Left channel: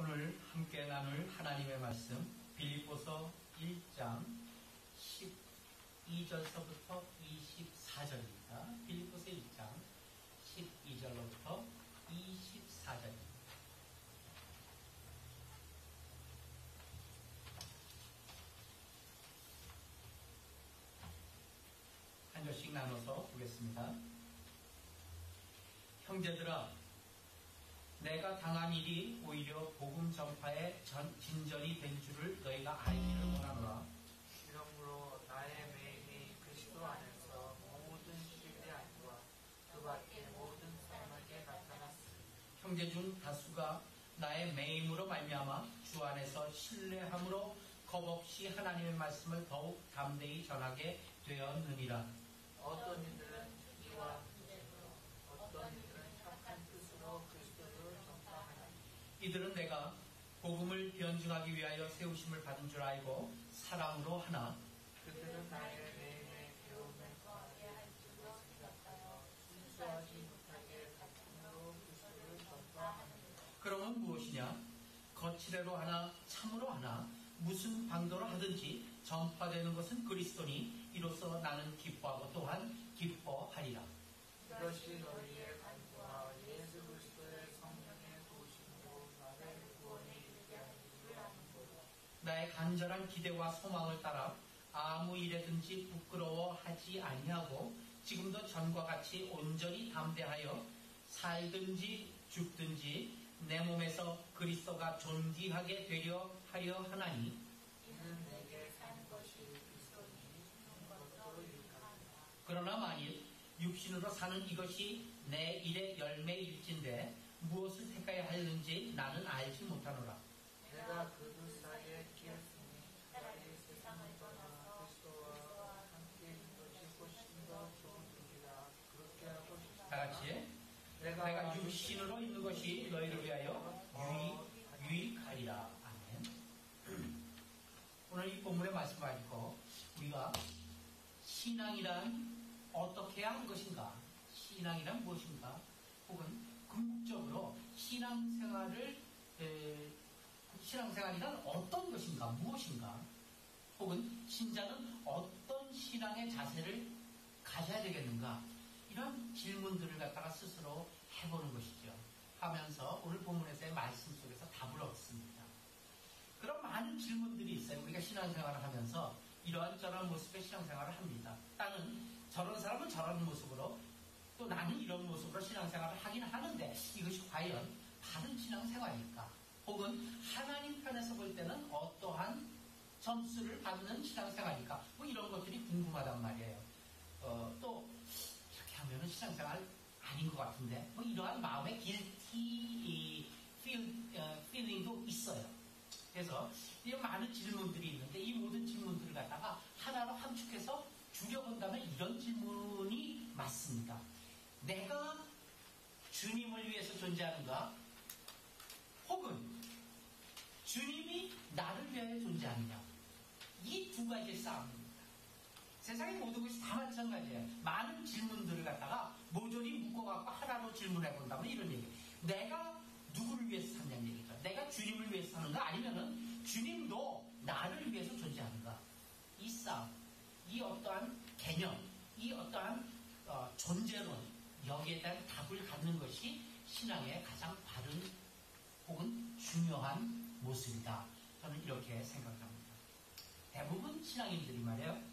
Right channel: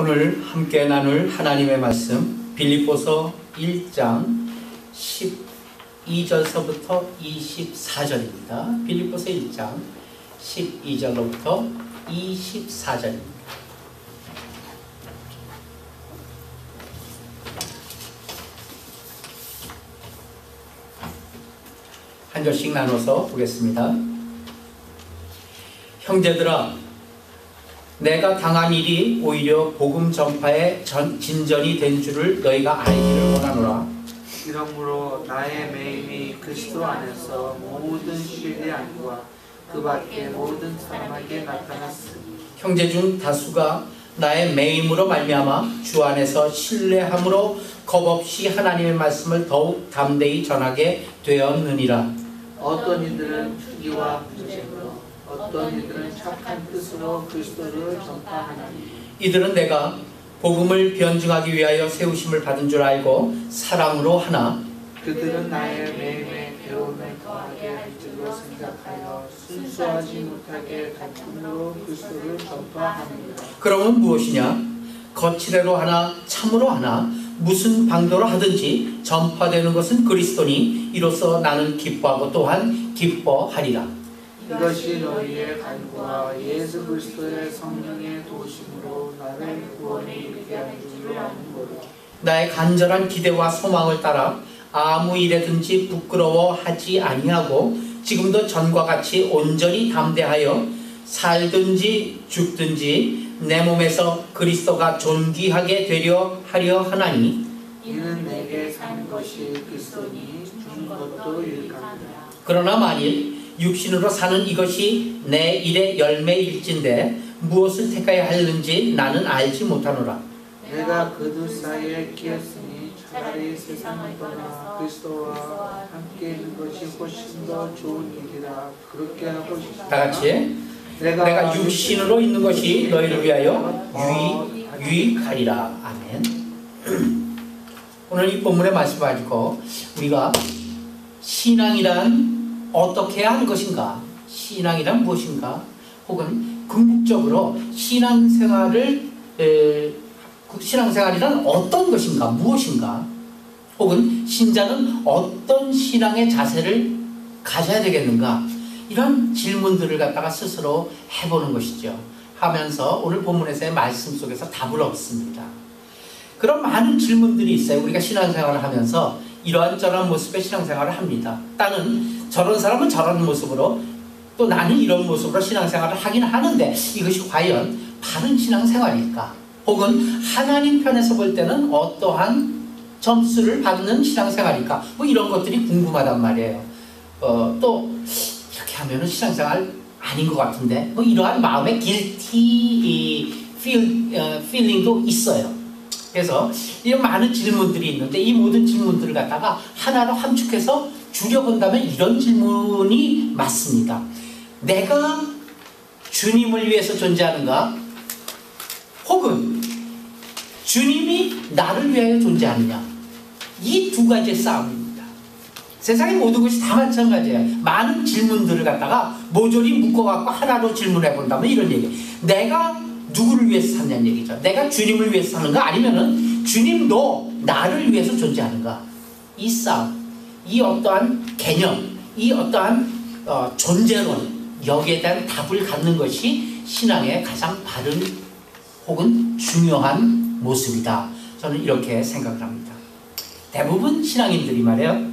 오늘 함께 나눌 하나님의 말씀 빌립보서 1장 12절서부터 24절입니다. 빌립보서 1장 12절로부터 24절입니다. 한 절씩 나눠서 보겠습니다. 형제들아, 내가 당한 일이 오히려 복음 전파의 진전이 된 줄을 너희가 알기를 원하노라. 이러므로 나의 매임이 그리스도 안에서 모든 신뢰함과 그 밖에 모든 사람에게 나타났으니 형제 중 다수가 나의 매임으로 말미암아 주 안에서 신뢰함으로 겁없이 하나님의 말씀을 더욱 담대히 전하게 되었느니라. 어떤 이들은 투기와 분쟁으로 어떤 이들은 착한 뜻으로 그리스도를 전파하나니 이들은 내가 복음을 변증하기 위하여 세우심을 받은 줄 알고 사랑으로 하나 그들은 나의 매임에 배움을 더하게 할 줄로 생각하여 순수하지 못하게 단품으로 그리스도를 전파하느니라. 그러면 무엇이냐? 거칠애로 하나 참으로 하나 무슨 방도로 하든지 전파되는 것은 그리스도니 이로써 나는 기뻐하고 또한 기뻐하리라. 이것이 너희의 간구와 예수 그리스도의 성령의 도심으로 나를 구원에 이르게 하는 줄로 아는 거라. 나의 간절한 기대와 소망을 따라 아무 일에든지 부끄러워하지 아니하고 지금도 전과 같이 온전히 담대하여 살든지 죽든지 내 몸에서 그리스도가 존귀하게 되려 하려 하나니 이는 내게 사는 것이 그리스도니 죽는 것도 유익하니라. 그러나 만일 육신으로 사는 이것이 내 일의 열매일진데 무엇을 택하여 하는지 나는 알지 못하노라. 내가 그 두 사이에 끼었으니 차라리 세상을 떠나 그리스도와 함께 있는 것이 훨씬 더 좋은 일이라 그렇게 하고 싶다. 다 같이 내가 육신으로 있는 것이 너희를 위하여 유익하리라. 아멘. 오늘 이 본문의 말씀 가지고 우리가 신앙이란 어떻게 하는 것인가, 신앙이란 무엇인가, 혹은 궁극적으로 신앙생활이란 어떤 것인가, 무엇인가, 혹은 신자는 어떤 신앙의 자세를 가져야 되겠는가, 이런 질문들을 갖다가 스스로 해보는 것이죠. 하면서 오늘 본문에서의 말씀 속에서 답을 얻습니다. 그런 많은 질문들이 있어요. 우리가 신앙생활을 하면서 이러한저러한 모습의 신앙생활을 합니다. 나는 저런 사람은 저런 모습으로, 또 나는 이런 모습으로 신앙생활을 하긴 하는데 이것이 과연 바른 신앙생활일까? 혹은 하나님 편에서 볼 때는 어떠한 점수를 받는 신앙생활일까? 뭐 이런 것들이 궁금하단 말이에요. 또 이렇게 하면은 신앙생활 아닌 것 같은데, 뭐 이러한 마음의 guilty feeling도 있어요. 그래서 이런 많은 질문들이 있는데 이 모든 질문들을 갖다가 하나로 함축해서 줄여본다면 이런 질문이 맞습니다. 내가 주님을 위해서 존재하는가? 혹은 주님이 나를 위하여 존재하느냐? 이 두 가지의 싸움입니다. 세상의 모든 것이 다 마찬가지예요. 많은 질문들을 갖다가 모조리 묶어갖고 하나로 질문해 본다면 이런 얘기. 내가 누구를 위해서 사냐는 얘기죠. 내가 주님을 위해서 사는가? 아니면은 주님도 나를 위해서 존재하는가? 이 싸움, 이 어떠한 개념, 이 어떠한 존재론, 여기에 대한 답을 갖는 것이 신앙의 가장 바른 혹은 중요한 모습이다. 저는 이렇게 생각을 합니다. 대부분 신앙인들이 말이에요,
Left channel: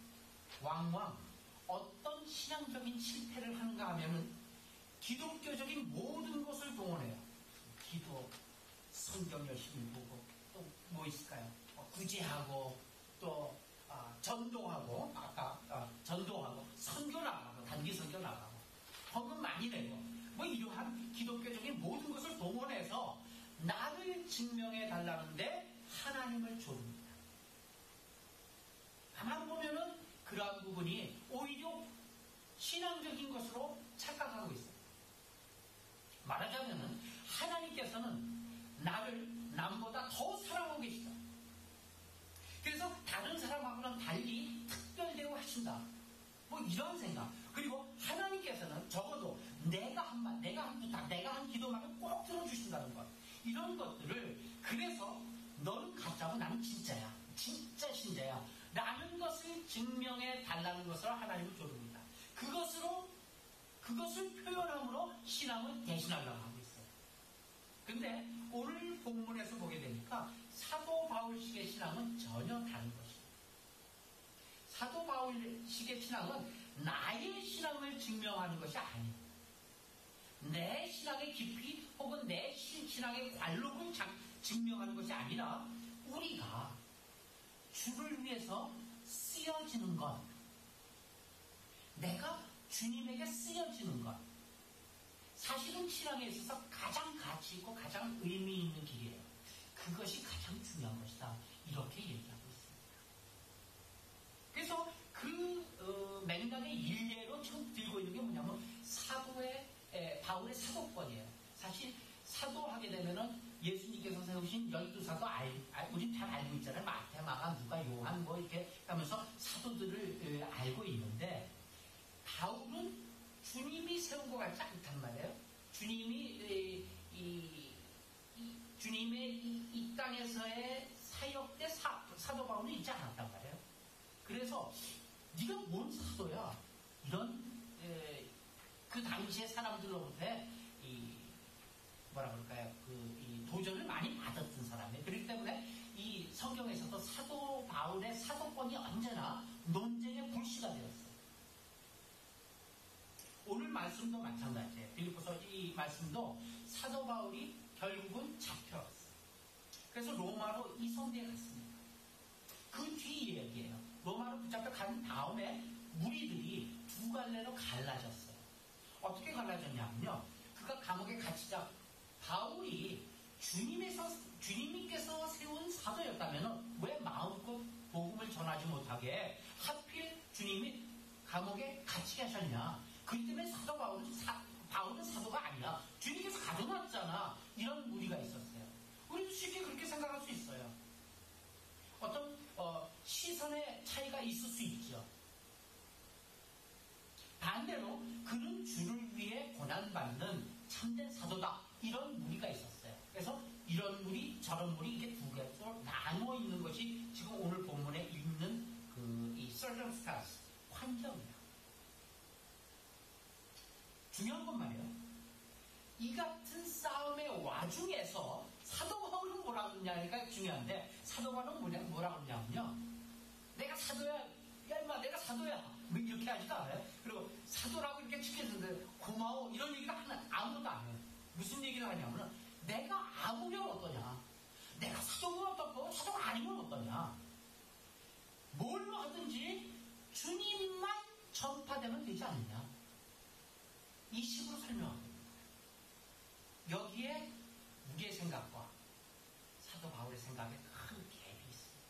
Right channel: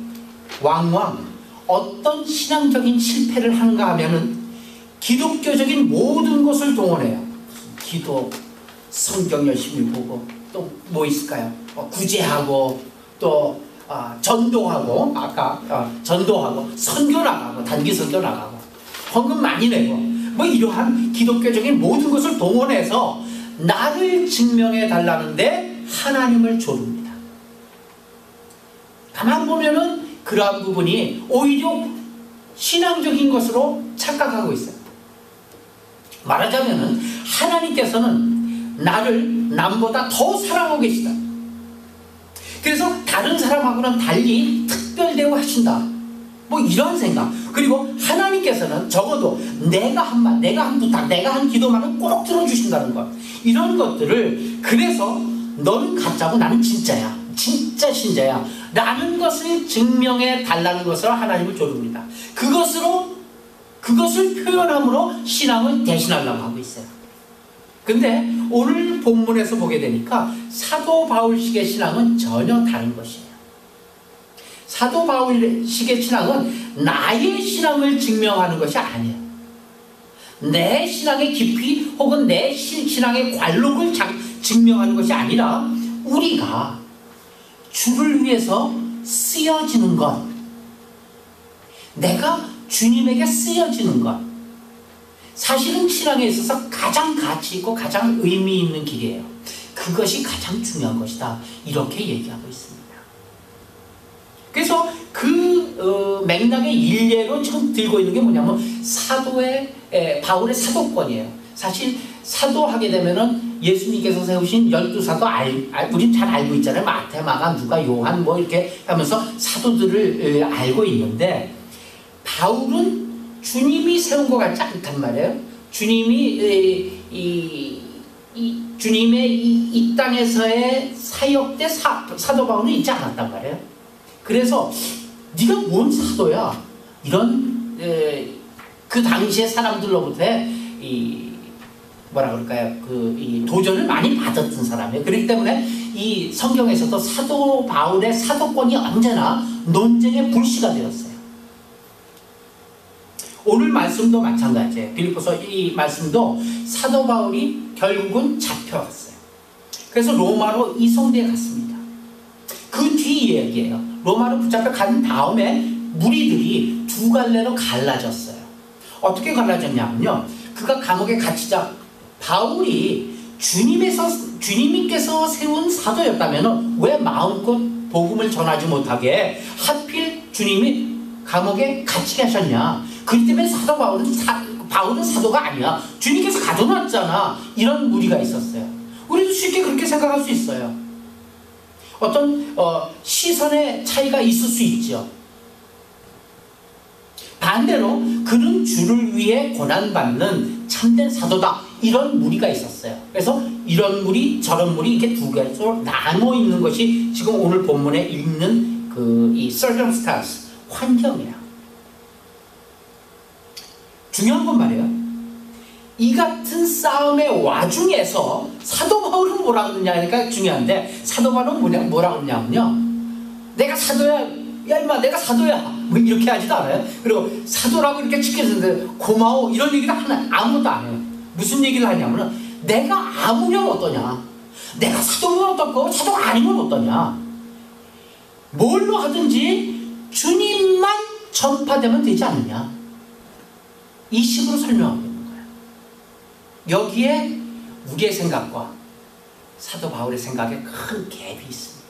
왕왕 어떤 신앙적인 실패를 하는가 하면은 기독교적인 모든 것을 동원해요. 기도, 성경 열심히 보고, 또 뭐 있을까요? 구제하고, 또 전도하고, 전도하고, 선교 나가고, 단기 선교 나가고, 헌금 많이 내고, 뭐 이러한 기독교적인 모든 것을 동원해서 나를 증명해 달라는데 하나님을 조릅니다. 가만 보면은 그러한 부분이 오히려 신앙적인 것으로 착각하고 있어요. 말하자면은 하나님께서는 나를 남보다 더 사랑하고 계시다. 그래서 다른 사람하고는 달리 특별대우하신다. 뭐 이런 생각. 그리고 하나님께서는 적어도 내가 한 말, 내가 한 부탁, 내가 한 기도만은 꼭 들어주신다는 것. 이런 것들을, 그래서 너는 가짜고 나는 진짜야, 진짜 신자야 라는 것을 증명해 달라는 것으로 하나님을 조릅니다. 그것을 표현함으로 신앙을 대신하려고 하고 있어요. 근데 오늘 본문에서 보게 되니까 사도 바울식의 신앙은 전혀 다른 것이에요. 사도 바울식의 신앙은 나의 신앙을 증명하는 것이 아니에요. 내 신앙의 깊이 혹은 내 신앙의 관록을 증명하는 것이 아니라 우리가 주를 위해서 쓰여지는 것, 내가 주님에게 쓰여지는 것, 사실은 신앙에 있어서 가장 가치 있고 가장 의미 있는 길이에요. 그것이 가장 중요한 것이다, 이렇게 얘기하고 있습니다. 그래서 그 맥락의 일례로 지금 들고 있는 게 뭐냐면 바울의 사도권이에요. 사실 사도하게 되면은 예수님께서 세우신 12사도 우린 잘 알고 있잖아요. 마태, 마가, 누가, 요한 뭐 이렇게 하면서 사도들을 알고 있는데, 바울은 주님이 세운 것 같지 않단 말이에요. 주님이 주님의 이 땅에서의 사역 때 사도 바울은 있지 않았단 말이에요. 그래서 네가 뭔 사도야? 이런 그 당시의 사람들로부터 뭐라 그럴까요? 이 도전을 많이 받았던 사람이에요. 그렇기 때문에 이 성경에서도 사도 바울의 사도권이 언제나 논쟁의 불씨가 되었어요. 오늘 말씀도 마찬가지예요. 빌립보서 이 말씀도 사도 바울이 결국은 잡혀갔어요. 그래서 로마로 이송되어 갔습니다. 그 뒤 이야기예요. 로마로 붙잡혀 간 다음에 무리들이 두 갈래로 갈라졌어요. 어떻게 갈라졌냐면요, 그가 감옥에 갇히자 바울이 주님께서 세운 사도였다면 왜 마음껏 복음을 전하지 못하게 하필 주님이 감옥에 갇히게 하셨냐. 그렇기 때문에 사도 바울은 사도가 아니야, 주님께서 가둬놨잖아, 이런 무리가 있었어요. 우리도 쉽게 그렇게 생각할 수 있어요. 어떤 시선의 차이가 있을 수 있죠. 반대로 그는 주를 위해 고난받는 참된 사도다, 이런 무리가 있었어요. 그래서 이런 무리 저런 무리 이렇게 두 개로 나눠 있는 것이 지금 오늘 본문에 있는 이 circumstance, 환경이야. 중요한 건 말이에요, 이 같은 싸움의 와중에서 사도 바울은 뭐라 그러냐니까 중요한데, 사도 바울은 뭐라 그러냐면요, 내가 사도야, 야 임마 내가 사도야, 뭐 이렇게 하지도 않아요. 그리고 사도라고 이렇게 지켜주는데 고마워, 이런 얘기를 아무것도 안 해요. 무슨 얘기를 하냐면은 내가 아무면 어떠냐, 내가 사도면 어떻고 사도가 아니면 어떠냐, 뭘로 하든지 주님만 전파되면 되지 않느냐, 이 식으로 설명하고 있는 거예요. 여기에 우리의 생각과 사도 바울의 생각에 큰 갭이 있습니다.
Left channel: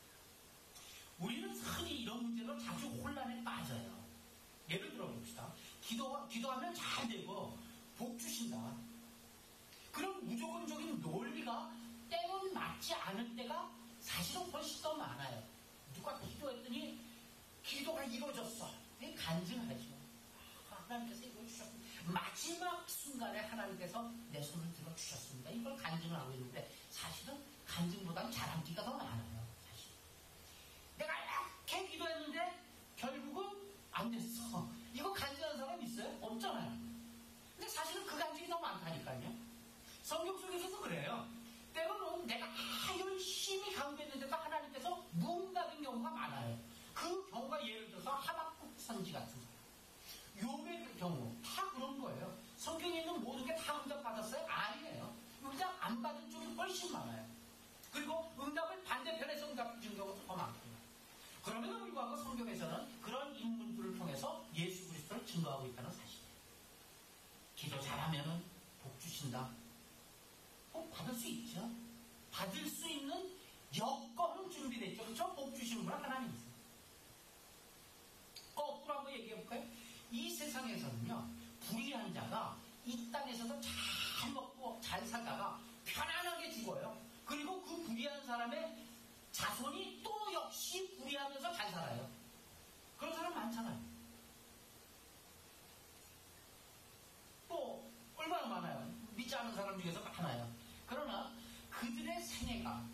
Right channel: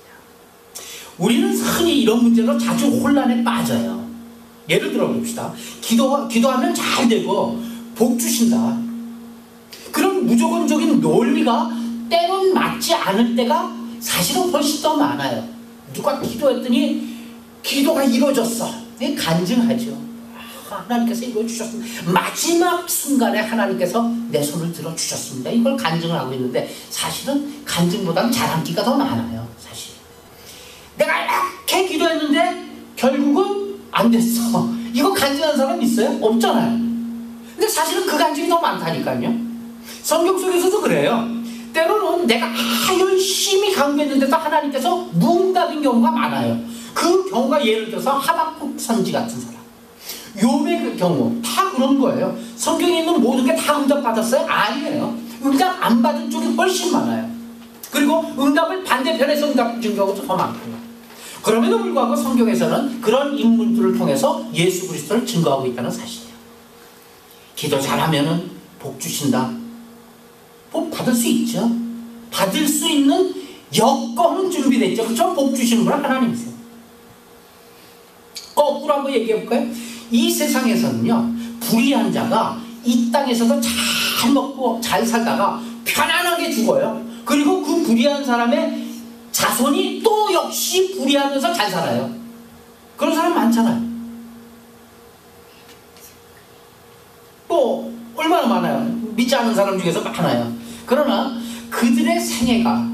우리는 흔히 이런 문제로 자주 혼란에 빠져요. 예를 들어 봅시다. 기도하면 잘 되고 복 주신다, 그런 무조건적인 논리가 때론 맞지 않을 때가 사실은 훨씬 더 많아요. 누가 기도했더니 기도가 이루어졌어, 간증하죠. 하나님께서 이루어주셨습니다. 마지막 순간에 하나님께서 내 손을 들어주셨습니다, 이걸 간증을 하고 있는데, 사실은 간증보다는 자랑기가 더 많아요. 사실 내가 이렇게 기도했는데 결국은 안 됐어, 이거 간증하는 사람 있어요? 없잖아요. 근데 사실은 그 간증이 더 많다니까요. 성경 속에서도 그래요. 때로는 내가 열심히 강구했는데도 하나님께서 무응답인 경우가 많아요. 그 경우가 예를 들어서 하박국 선지 같은 사람, 욥의 그 경우 다 그런 거예요. 성경에 있는 모든 게 다 응답 받았어요? 아니에요. 응답 안 받은 쪽이 훨씬 많아요. 그리고 응답을 반대편에서 응답 준 경우도 더 많고요. 그럼에도 불구하고 성경에서는 그런 인물들을 통해서 예수 그리스도를 증거하고 있다는 사실이에요. 기도 잘하면은 복 주신다. 복 받을 수 있죠. 받을 수 있는 여건은 준비됐죠. 그렇죠? 복 주시는 분 하나님이세요. 거꾸로 한번 얘기해 볼까요? 이 세상에서는요, 불의한 자가 이 땅에서도 잘 먹고 잘 살다가 편안하게 죽어요. 그리고 그 불의한 사람의 자손이 또 역시 불의하면서 잘 살아요. 그런 사람 많잖아요. 또 얼마나 많아요. 믿지 않는 사람 중에서 많아요. 그러나 그들의 생애가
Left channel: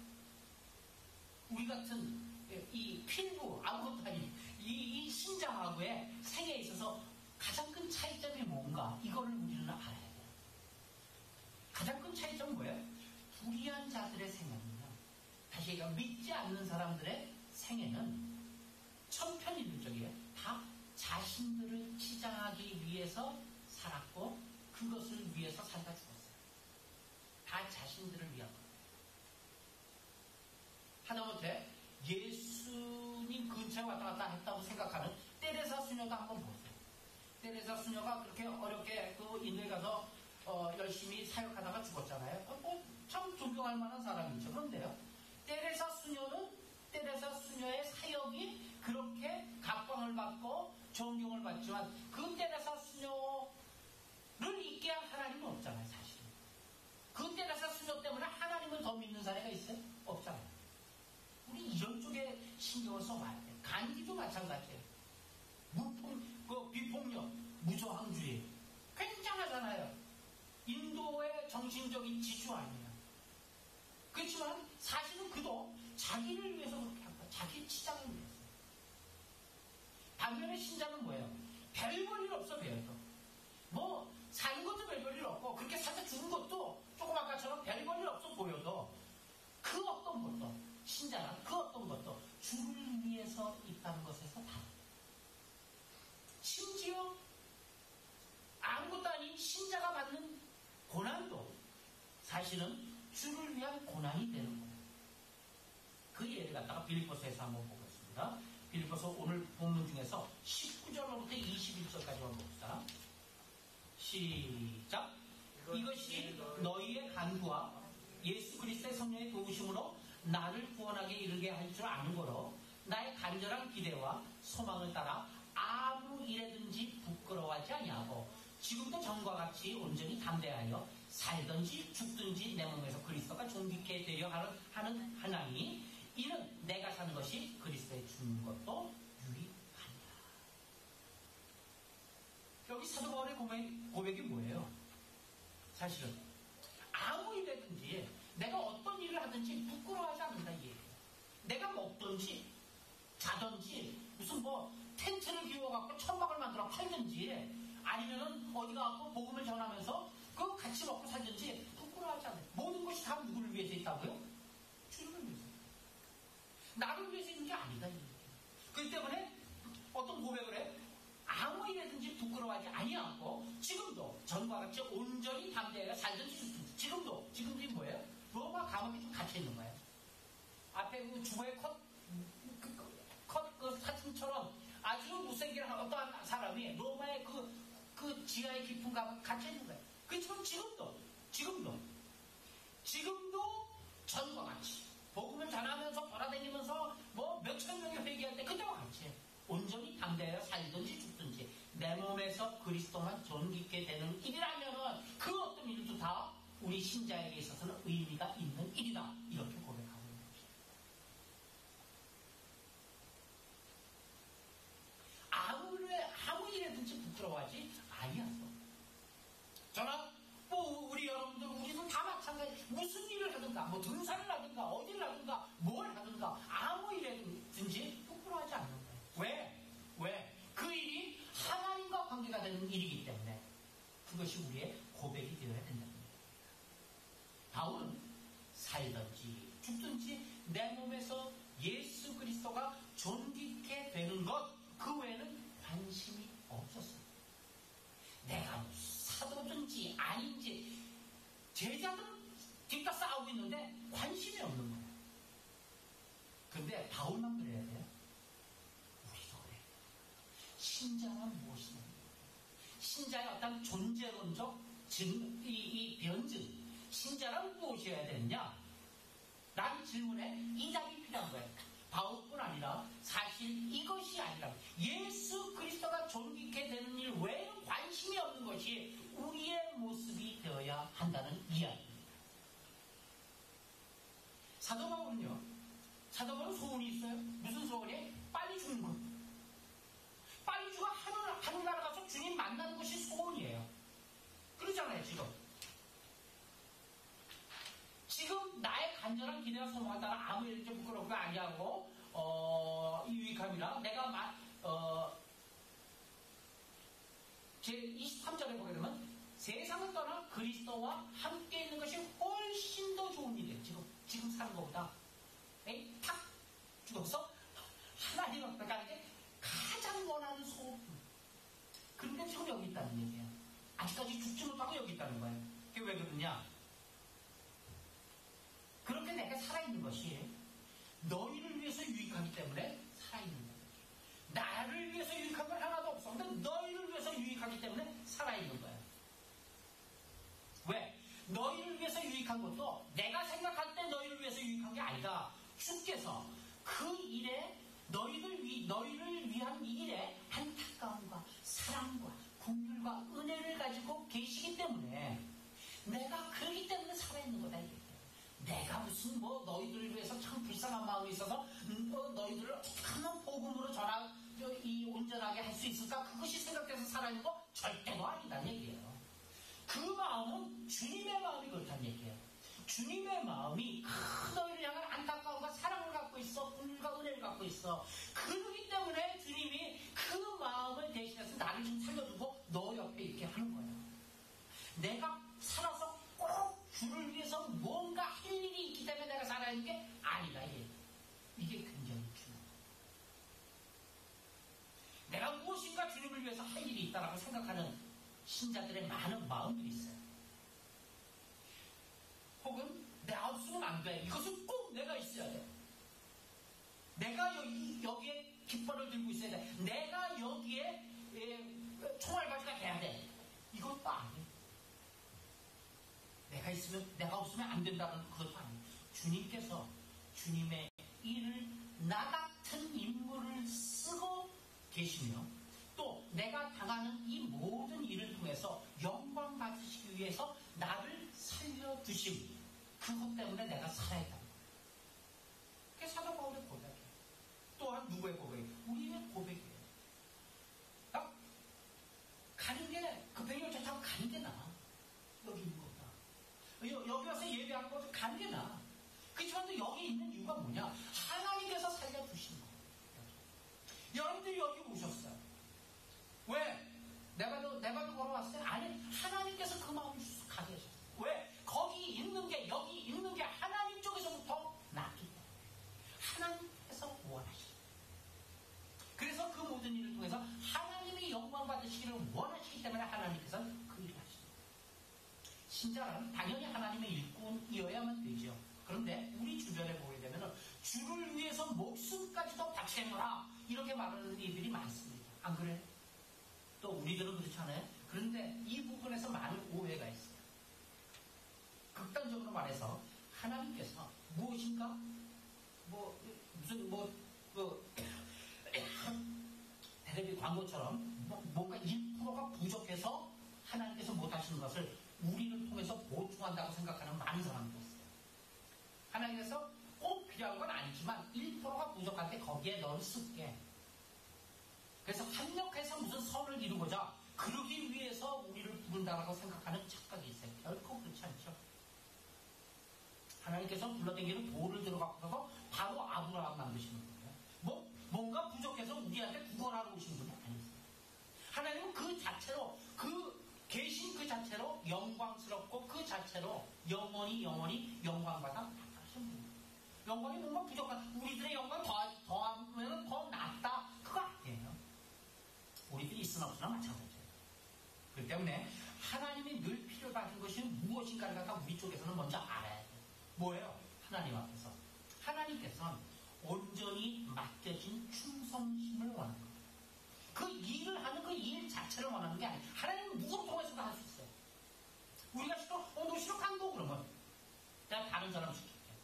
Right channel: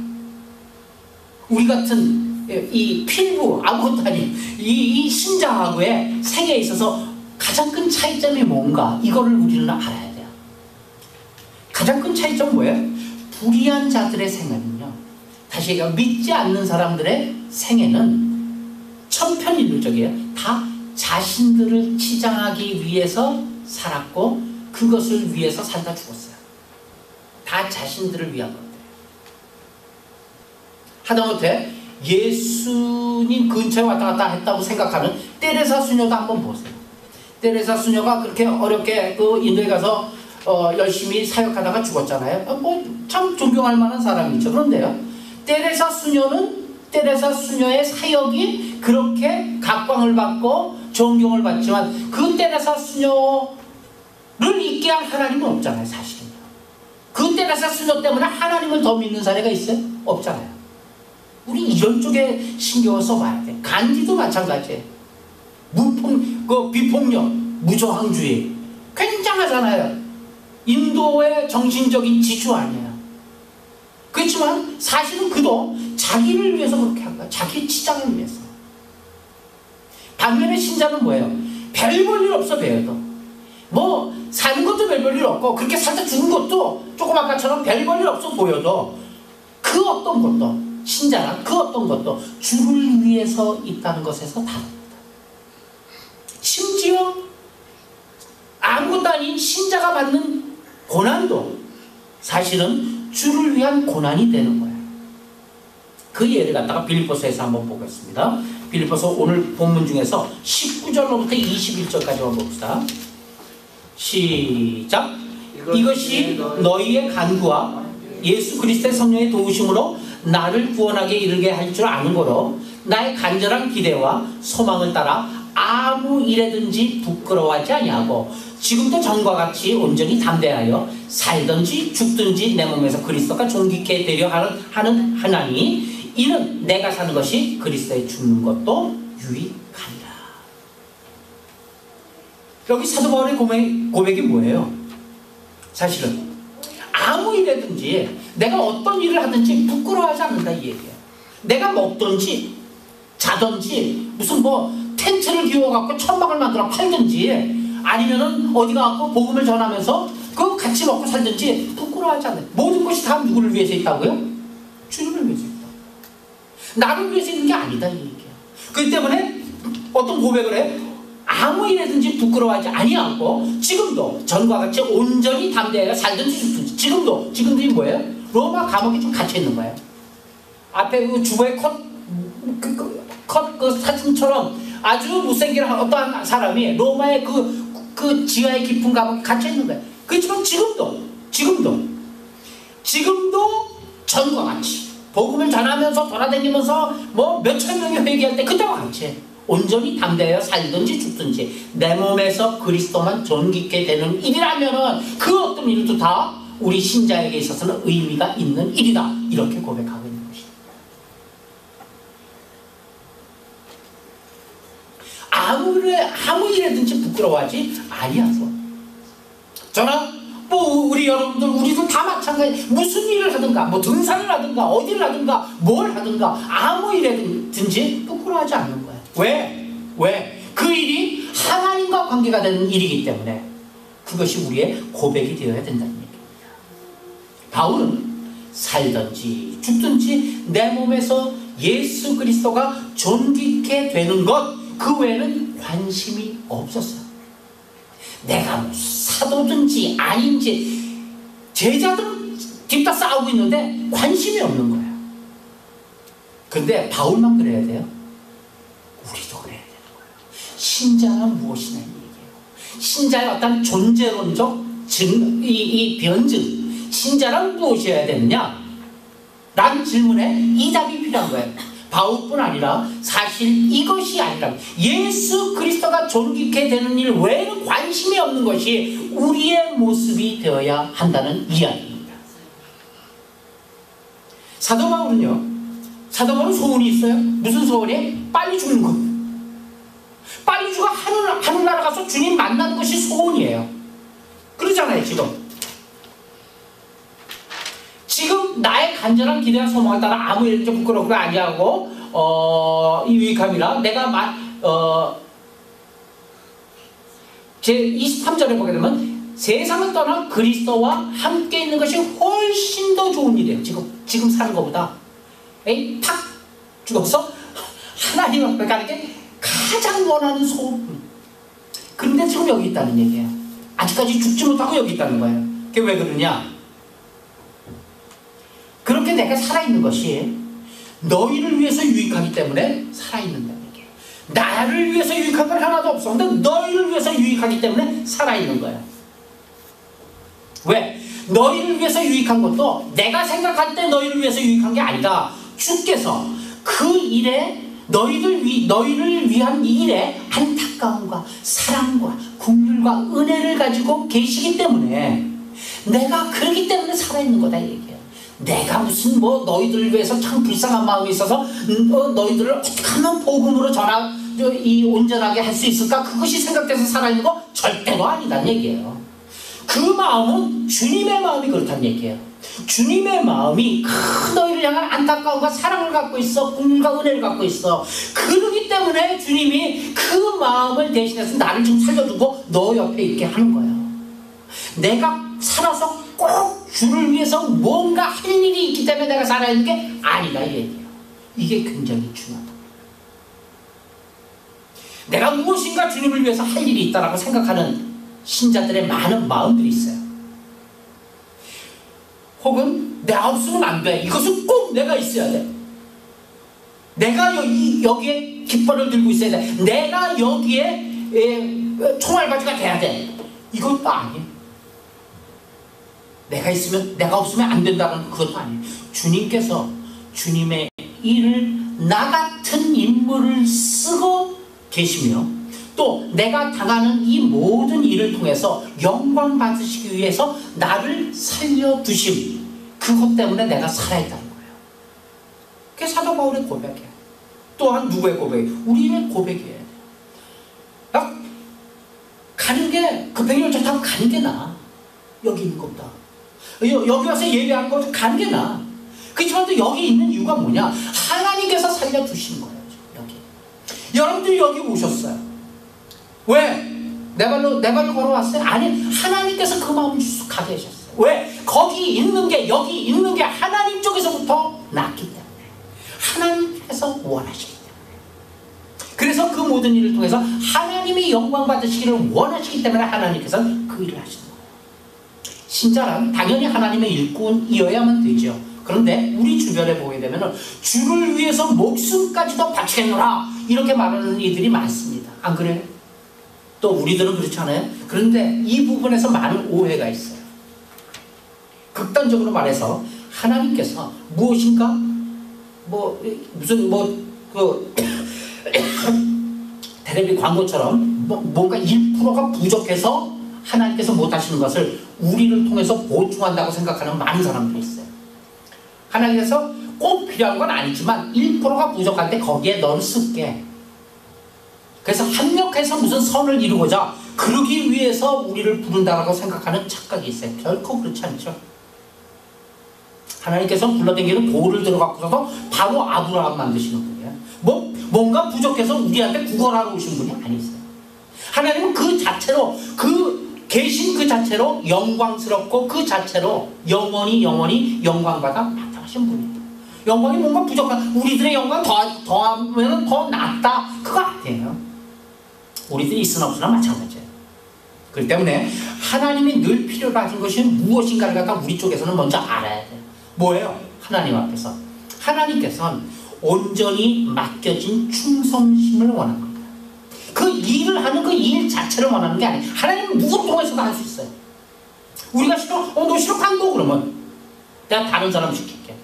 우리 같은 이 필부 아무것도 아닌 이 신자하고의 생애에 있어서 가장 큰 차이점이 뭔가, 이거를 우리는 알아야 돼요. 가장 큰 차이점은 뭐예요? 불의한 자들의 생애는요, 다시 얘기하면 믿지 않는 사람들의 생애는 천편일률적이에요. 다 자신들을 치장하기 위해서 살았고 그것을 위해서 살다 죽었어요. 다 자신들을 위한 것들. 하다못해 예수님 근처에 왔다 갔다 했다고 생각하는 테레사 수녀도 한번 보세요. 테레사 수녀가 그렇게 어렵게 그 인도에 가서 열심히 사역하다가 죽었잖아요. 뭐 참 존경할 만한 사람이죠. 그런데요, 테레사 수녀의 사역이 그렇게 각광을 받고 존경을 받지만 그 테레사 수녀를 잊게 한 하나님은 없잖아요. 사실은요. 그 테레사 수녀 때문에 하나님을 더 믿는 사례가 있어요? 없잖아요. 우리 이런 쪽에 신경을 써봐야 돼. 간디도 마찬가지예요. 비폭력, 무저항주의 굉장하잖아요. 인도의 정신적인 지주 아니에요. 그렇지만 사실은 그도 자기를 위해서 그렇게 한 거야. 자기 치장을 위해서. 반면에 신자는 뭐예요? 별 볼 일 없어. 배워도 뭐 사는 것도 별 볼 일 없고 그렇게 살다 죽은 것도 조금 아까처럼 별 볼 일 없어 보여도 그 어떤 것도, 신자는 그 어떤 것도 주를 위해서 있다는 것에서 다릅니다. 심지어 아무것도 아닌 신자가 받는 고난도 사실은 주를 위한 고난이 되는 거예요. 그 예를 갖다가 빌립보서에서 한번 보겠습니다. 빌립보서 오늘 본문 중에서 19절로부터 21절까지만 봅시다. 시작. 이것이 너희의 간구와 예수 그리스도의 성령의 도우심으로 나를 구원하게 이르게 할 줄 아는 거로 나의 간절한 기대와 소망을 따라 아무 일에든지 부끄러워하지 아니하고 지금도 전과 같이 온전히 담대하여 살든지 죽든지 내 몸에서 그리스도가 존귀케 되려 하나니 이는 내가 사는 것이 그리스도에 죽는 것도 유익하니라. 여기 사도 바울의 고백이 뭐예요? 사실은 아무 일에든지 내가 어떤 일을 하든지 부끄러워하지 않는다 이 얘기예요. 내가 먹든지 자든지 무슨 뭐 텐트를 비워갖고 천막을 만들어 팔든지 아니면은 어디 가갖고 복음을 전하면서 그 같이 먹고 살든지 부끄러워하지 않아요. 모든 것이 다 누구를 위해서 있다고요? 주님을 위해서 있다. 나를 위해서 있는 게 아니다 이 얘기예요. 그렇기 때문에 어떤 고백을 해? 아무 일에든지 부끄러워하지 아니하고 지금도 전과 같이 온전히 담대하여 살든지 죽든지 지금도 이 뭐예요? 로마 감옥에 좀 갇혀 있는 거예요. 앞에 그 주보의 컷 사진처럼 아주 못생긴 어떠한 사람이 로마의 그 지하의 깊은 감옥에 갇혀 있는 거예요. 그렇지만 지금도 전과 같이 복음을 전하면서 돌아다니면서 뭐 몇천 명이 회개할 때 그때와 같이 온전히 담대하여 살든지 죽든지 내 몸에서 그리스도만 존귀케 되는 일이라면은 그 어떤 일도 다 우리 신자에게 있어서는 의미가 있는 일이다. 이렇게 고백하고 있는 것입니다. 아무 일에든지 부끄러워하지 아니하소. 저는 뭐 우리 여러분들 우리도 다 마찬가지. 무슨 일을 하든가 뭐 등산을 하든가 어디를 하든가 뭘 하든가 아무 일에든지 부끄러워하지 않는 거예요. 왜? 그 일이 하나님과 관계가 되는 일이기 때문에 그것이 우리의 고백이 되어야 된다는 얘기입니다. 바울은 살든지 죽든지 내 몸에서 예수 그리스도가 존귀케 되는 것 그 외에는 관심이 없었어요. 내가 뭐 사도든지 아닌지 제자들 뒤따 싸우고 있는데 관심이 없는 거예요. 그런데 바울만 그래야 돼요? 우리도 그래야 되는 거예요. 신자는 무엇이냐 이 얘기예요. 신자의 어떤 존재론적 이 변증, 신자란 무엇이어야 되느냐? 라는 질문에 이 답이 필요한 거예요. 바울뿐 아니라 사실 이것이 아니라 예수 그리스도가 존귀케 되는 일 외에는 관심이 없는 것이 우리의 모습이 되어야 한다는 이야기입니다. 사도 바울은 소원이 있어요. 무슨 소원이? 빨리 죽는 것. 빨리 죽어 하늘나라 가서 주님 만나는 것이 소원이에요. 그러잖아요. 지금 나의 간절한 기대와 소망을 따라 아무 일도 부끄럽고 아니하고 이 유익함이라 내가 제 23절에 보게 되면 세상을 떠나 그리스도와 함께 있는 것이 훨씬 더 좋은 일이에요. 지금 사는 것보다 팍 죽어서 하나님 앞에 가는 게 가장 원하는 소원. 그런데 지금 여기 있다는 얘기예요. 아직까지 죽지 못하고 여기 있다는 거예요. 그게 왜 그러냐? 그렇게 내가 살아있는 것이 너희를 위해서 유익하기 때문에 살아있는다는 얘기예요. 나를 위해서 유익한 건 하나도 없었는데 너희를 위해서 유익하기 때문에 살아있는 거예요. 왜? 너희를 위해서 유익한 것도 내가 생각할 때 너희를 위해서 유익한 게 아니다. 주께서 그 일에 너희를 위한 이 일에 안타까움과 사랑과 긍휼과 은혜를 가지고 계시기 때문에 내가 그러기 때문에 살아있는 거다 이 얘기예요. 내가 무슨 너희들을 위해서 참 불쌍한 마음이 있어서 너희들을 어떻게 하면 복음으로 온전하게 할 수 있을까? 그것이 생각돼서 살아있는 거 절대로 아니다는 얘기예요. 그 마음은 주님의 마음이 그렇다는 얘기예요. 주님의 마음이 너희를 향한 안타까움과 사랑을 갖고 있어. 긍휼과 은혜를 갖고 있어. 그러기 때문에 주님이 그 마음을 대신해서 나를 좀 살려두고 너 옆에 있게 하는 거예요. 내가 살아서 꼭 주를 위해서 뭔가 할 일이 있기 때문에 내가 살아있는 게 아니다 이 얘기예요. 이게 굉장히 중요하다. 내가 무엇인가 주님을 위해서 할 일이 있다라고 생각하는 신자들의 많은 마음들이 있어요. 혹은 내가 없으면 안 돼. 이것은 꼭 내가 있어야 돼. 내가 여기에 깃발을 들고 있어야 돼. 내가 여기에 총알바지가 돼야 돼. 이것도 아니에요. 내가 있으면 내가 없으면 안 된다는 그것도 아니에요. 주님께서 주님의 일을 나 같은 인물을 쓰고 계시며 또 내가 당하는 이 모든 일을 통해서 영광 받으시기 위해서 나를 살려두심, 그것 때문에 내가 살아있다는 거예요. 그게 사도 바울의 고백이에요. 또한 누구의 고백이에요? 우리의 고백이에요. 가는 게 급행열차 타고 가는 게 나아. 여기 있는 것보다 여기 와서 예배하는 것보다 가는 게 나아. 그렇지만 또 여기 있는 이유가 뭐냐? 하나님께서 살려두신 거예요. 여기 여러분들이 여기 오셨어요. 왜? 내 발로 걸어왔어요? 아니, 하나님께서 그 마음을 가게 하셨어요. 왜? 거기 있는 게, 여기 있는 게 하나님 쪽에서부터 났기 때문에, 하나님께서 원하시기 때문에, 그래서 그 모든 일을 통해서 하나님이 영광 받으시기를 원하시기 때문에 하나님께서 그 일을 하시는 거예요. 신자란 당연히 하나님의 일꾼이어야만 되죠. 그런데 우리 주변에 보게 되면 주를 위해서 목숨까지도 바치겠노라 이렇게 말하는 이들이 많습니다. 안 그래요? 또 우리들은 그렇지 않아요? 그런데 이 부분에서 많은 오해가 있어요. 극단적으로 말해서 하나님께서 무엇인가 테레비 광고처럼 뭔가 1%가 부족해서 하나님께서 못하시는 것을 우리를 통해서 보충한다고 생각하는 많은 사람들이 있어요. 하나님께서 꼭 필요한 건 아니지만 1%가 부족할 때 거기에 너를 쓸게. 그래서 합력해서 무슨 선을 이루고자 그러기 위해서 우리를 부른다고 생각하는 착각이 있어요. 결코 그렇지 않죠. 하나님께서 불러당기는 돌을 들어갖고서 바로 아브라함 만드시는 분이에요. 뭔가 부족해서 우리한테 구걸하러 오신 분이 아니세요. 하나님은 그 자체로 계신 그 자체로 영광스럽고 그 자체로 영원히 영광받아 나타나신 분이에요. 영광이 뭔가 부족한, 우리들의 영광 더하면 더 낫다, 그거 아니에요. 우리들이 있으나 없으나 마찬가지예요. 그렇기 때문에 하나님이 늘 필요로 하신 것이 무엇인가를 갖다 우리 쪽에서는 먼저 알아야 돼요. 뭐예요? 하나님 앞에서 하나님께서는 온전히 맡겨진 충성심을 원하는 겁니다. 그 일을 하는 그 일 자체를 원하는 게 아니에요. 하나님은 누구 통해서도 할 수 있어요. 우리가 싫어? 너 싫어? 간도 그러면 내가 다른 사람 시킬게.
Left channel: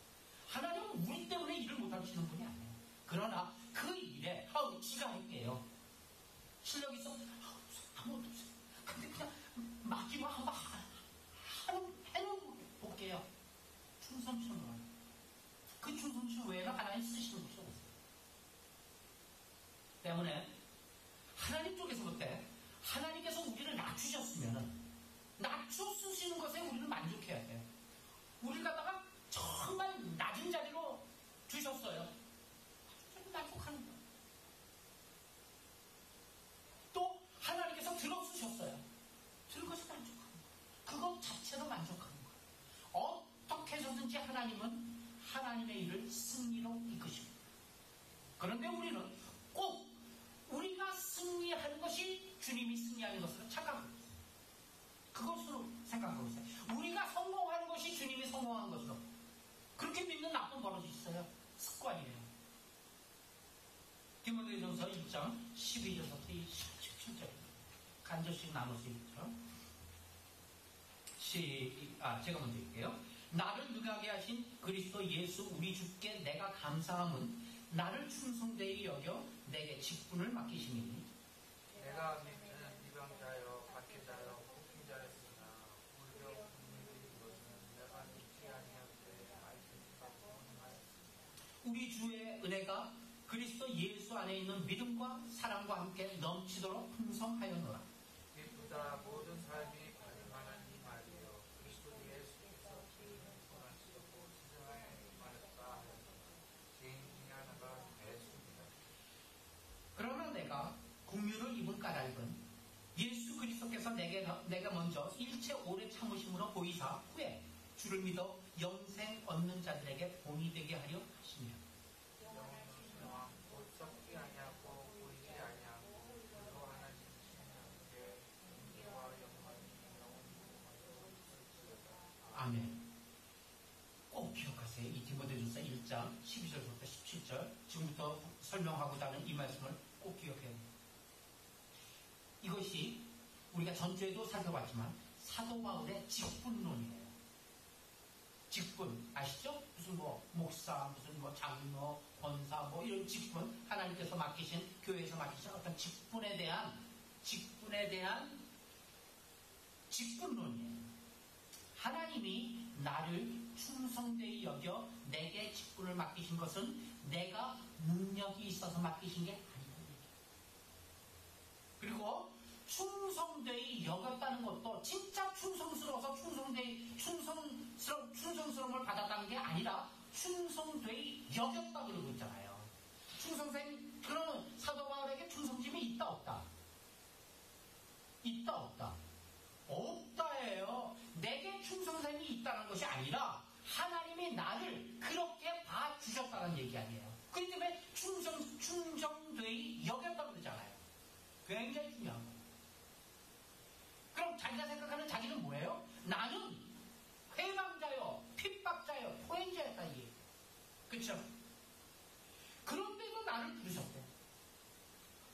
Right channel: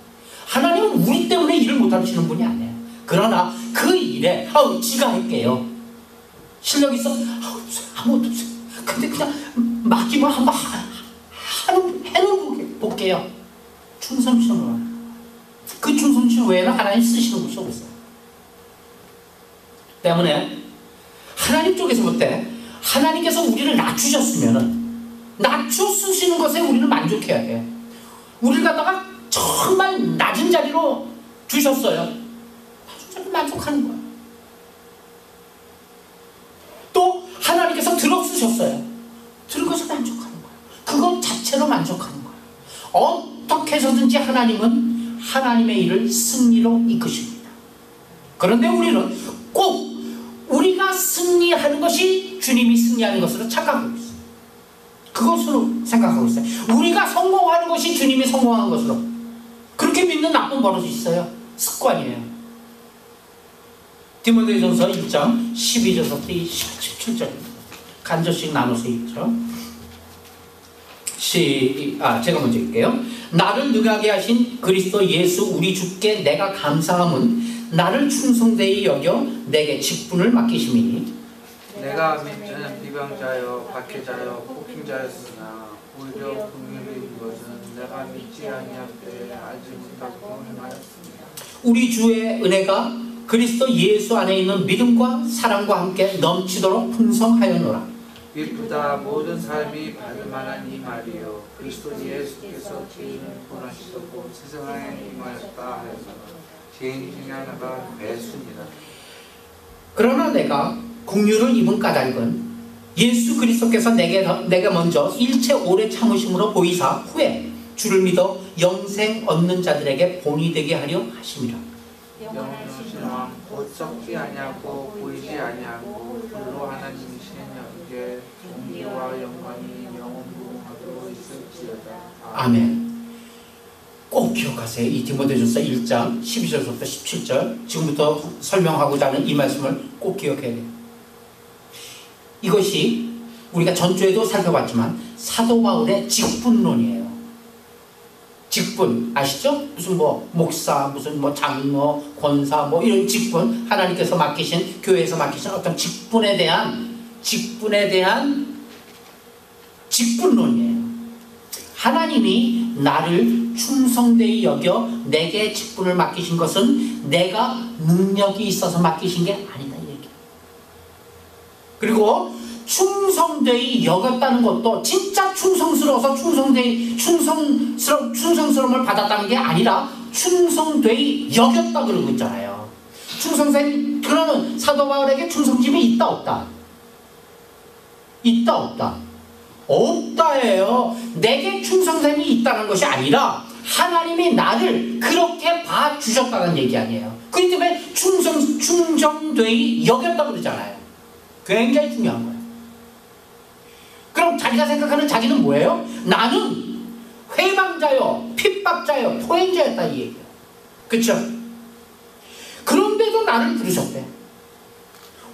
하나님은 우리 때문에 일을 못 하시는 분이 아니에요. 그러나 그 일에 지가 할게요. 실력 있어? 아무것도 없어요. 근데 그냥 맡기면 한번 해는 볼게요. 충성심을. 그 충성심 외에는 하나님 쓰시는 곳이 없어요. 때문에 하나님 쪽에서부터 하나님께서 우리를 낮추셨으면은 낮춰 쓰시는 것에 우리는 만족해야 돼요. 우리를 갖다가 정말 낮은 자리로 주셨어요. 낮은 자리로 만족하는 거예요. 또 하나님께서 들어 쓰셨어요. 들은 것에 만족하는 거예요. 그것 자체로 만족하는 거예요. 어떻게 해서든지 하나님은 하나님의 일을 승리로 이끄십니다. 그런데 우리는 꼭 우리가 승리하는 것이 주님이 승리하는 것으로 착각하고 있어요. 그것으로 생각하고 있어요. 우리가 성공하는 것이 주님이 성공한 것으로 그렇게 믿는 나쁜 버릇이 있어요. 습관이에요. 디모데전서 1장 12절부터 17절 간절씩 나눠서 읽죠. 제가 먼저 읽게요. 나를 능하게 하신 그리스도 예수 우리 주께 내가 감사함은 나를 충성되이 여겨 내게 직분을 맡기심이니 내가 믿는 비방자여 박해자여 폭행자였으나 오히려 긍휼히 것은 내가 믿지 아니할 때 알지 못하고 행하였습니다. 우리 주의 은혜가 그리스도 예수 안에 있는 믿음과 사랑과 함께 넘치도록 풍성하였노라. 이보다 모든 삶이 받을 만한 이 말이요 그리스도 예수께서 죄인을 구원하시고 세상에 임하였다 하여서 죄인 중에 하나가 매수입니다. 그러나 내가 긍휼을 입은 까닭은 예수 그리스도께서 내가 먼저 일체 오래 참으심으로 보이사 후에 주를 믿어 영생 얻는 자들에게 본이 되게 하려 하심이라. 영원하신 왕 곧 썩지 아니하고 보이지 아니하고 불로 하나님이신 영께 존귀와 영광이 영원무궁하도록 있을지어다. 아멘. 꼭 기억하세요. 이 디모데전서 1장 12절부터 17절 지금부터 설명하고자 하는 이 말씀을 꼭 기억해야 돼요. 이것이 우리가 전주에도 살펴봤지만 사도 바울의 직분론이에요. 직분 아시죠? 무슨 목사, 무슨 장로, 권사 이런 직분 하나님께서 맡기신 교회에서 맡기신 어떤 직분에 대한 직분론이에요. 하나님이 나를 충성되이 여겨 내게 직분을 맡기신 것은 내가 능력이 있어서 맡기신 게 아니다 이 얘기예요. 그리고 충성되이 여겼다는 것도 진짜 충성스러워서 충성스러움을 받았다는 게 아니라 충성되이 여겼다 그러고 있잖아요. 그러면 사도 바울에게 충성심이 있다 없다? 있다 없다? 없다예요. 내게 충성됨이 있다는 것이 아니라 하나님이 나를 그렇게 봐주셨다는 얘기 아니에요. 그렇기 때문에 충성되이 여겼다 그러잖아요. 굉장히 중요한 거예요. 그럼 자기가 생각하는 자기는 뭐예요? 나는 회방자요, 핍박자요, 포행자였다 이 얘기예요. 그렇죠? 그런데도 나를 부르셨대.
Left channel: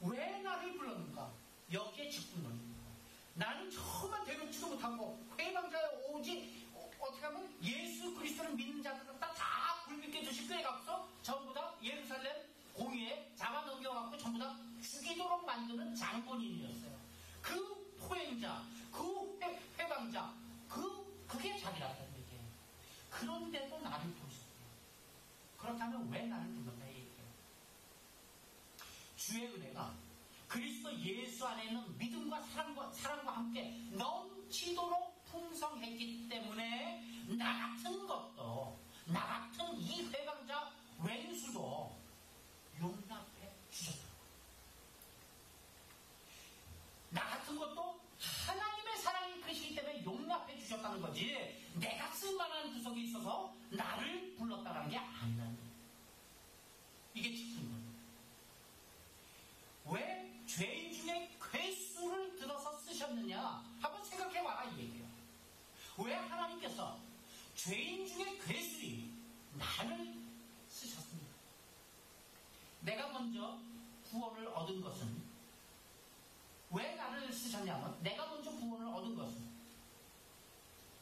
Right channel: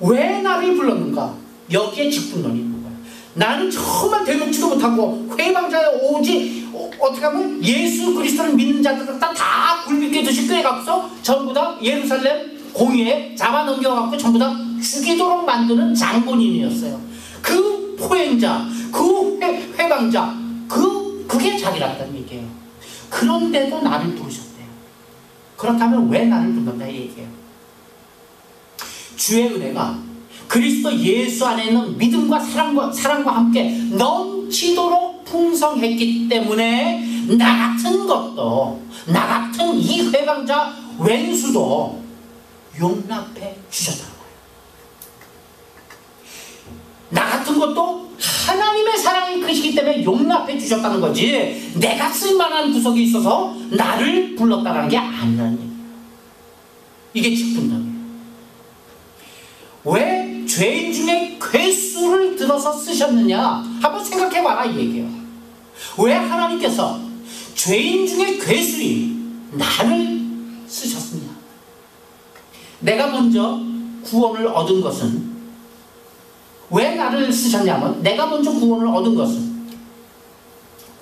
왜 나를 불렀는가? 여기에 직분론이 있는 거예요. 나는 정말 대놓지도 못하고 회방자요, 오직 어떻게 하면 예수 그리스도를 믿는 자들 다 굴비게 듯이 꿰갖고서 전부 다 예루살렘 공의에 잡아넘겨갖고 전부 다 죽이도록 만드는 장본인이었어요. 그 포행자, 그 회방자, 그게 자기라는 얘기예요. 그런데도 나를 부르셨대요. 그렇다면 왜 나를 부른다 이 얘기예요. 주의 은혜가 그리스도 예수 안에 있는 믿음과 사랑과 함께 넘치도록 풍성했기 때문에 나 같은 이 회방자 왼수도 용납해 주셨다는 거예요. 나 같은 것도 하나님의 사랑이 크시기 때문에 용납해 주셨다는 거지 내가 쓸만한 구석이 있어서 나를 불렀다는 게 아니라는 얘기예요. 이게 직분론이에요. 왜 죄인 중에 괴수를 들어서 쓰셨느냐 한번 생각해봐라 이 얘기예요. 왜 하나님께서 죄인 중에 괴수인 나를 쓰셨느냐. 내가 먼저 구원을 얻은 것은 왜 나를 쓰셨냐면 내가 먼저 구원을 얻은 것은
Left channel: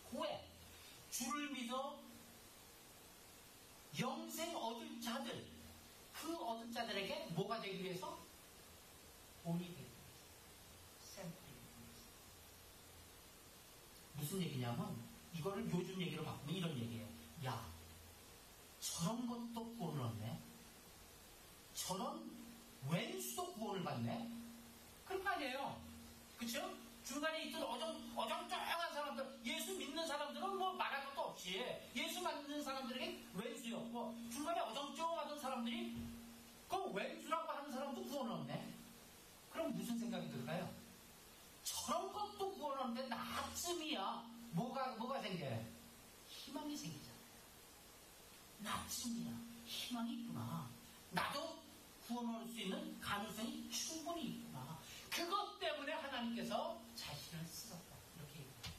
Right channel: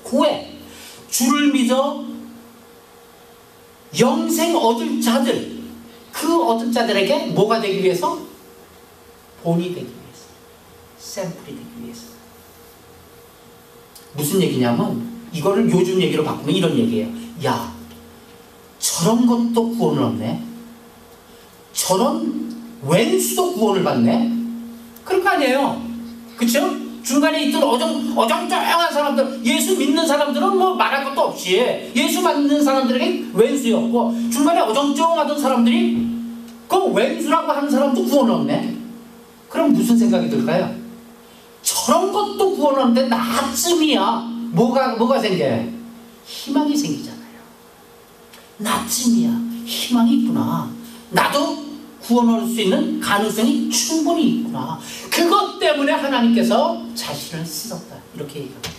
후에 주를 믿어 영생 얻을 자들 그 얻은 자들에게 뭐가 되기 위해서? 본이 되기 위해서, 샘플이 되기 위해서. 무슨 얘기냐면 이거를 요즘 얘기로 바꾸면 이런 얘기예요. 야, 저런 것도 구원을 얻네. 저런 왼수도 구원을 받네. 그런 거 아니에요. 그쵸? 중간에 있던 어정쩡한 사람들, 예수 믿는 사람들은 뭐 말할 것도 없이 예수 믿는 사람들에게 왼수였고, 중간에 어정쩡하던 사람들이 그 왼수라고 하는 사람도 구원 없네. 그럼 무슨 생각이 들까요? 저런 것도 구원 없는데 나쯤이야 뭐가 생겨요? 희망이 생기잖아요. 나쯤이야 희망이 있구나. 나도 구원 얻을 수 있는 가능성이 충분히 있구나. 그것 때문에 하나님께서 자신을 쓰셨다. 이렇게 얘기합니다.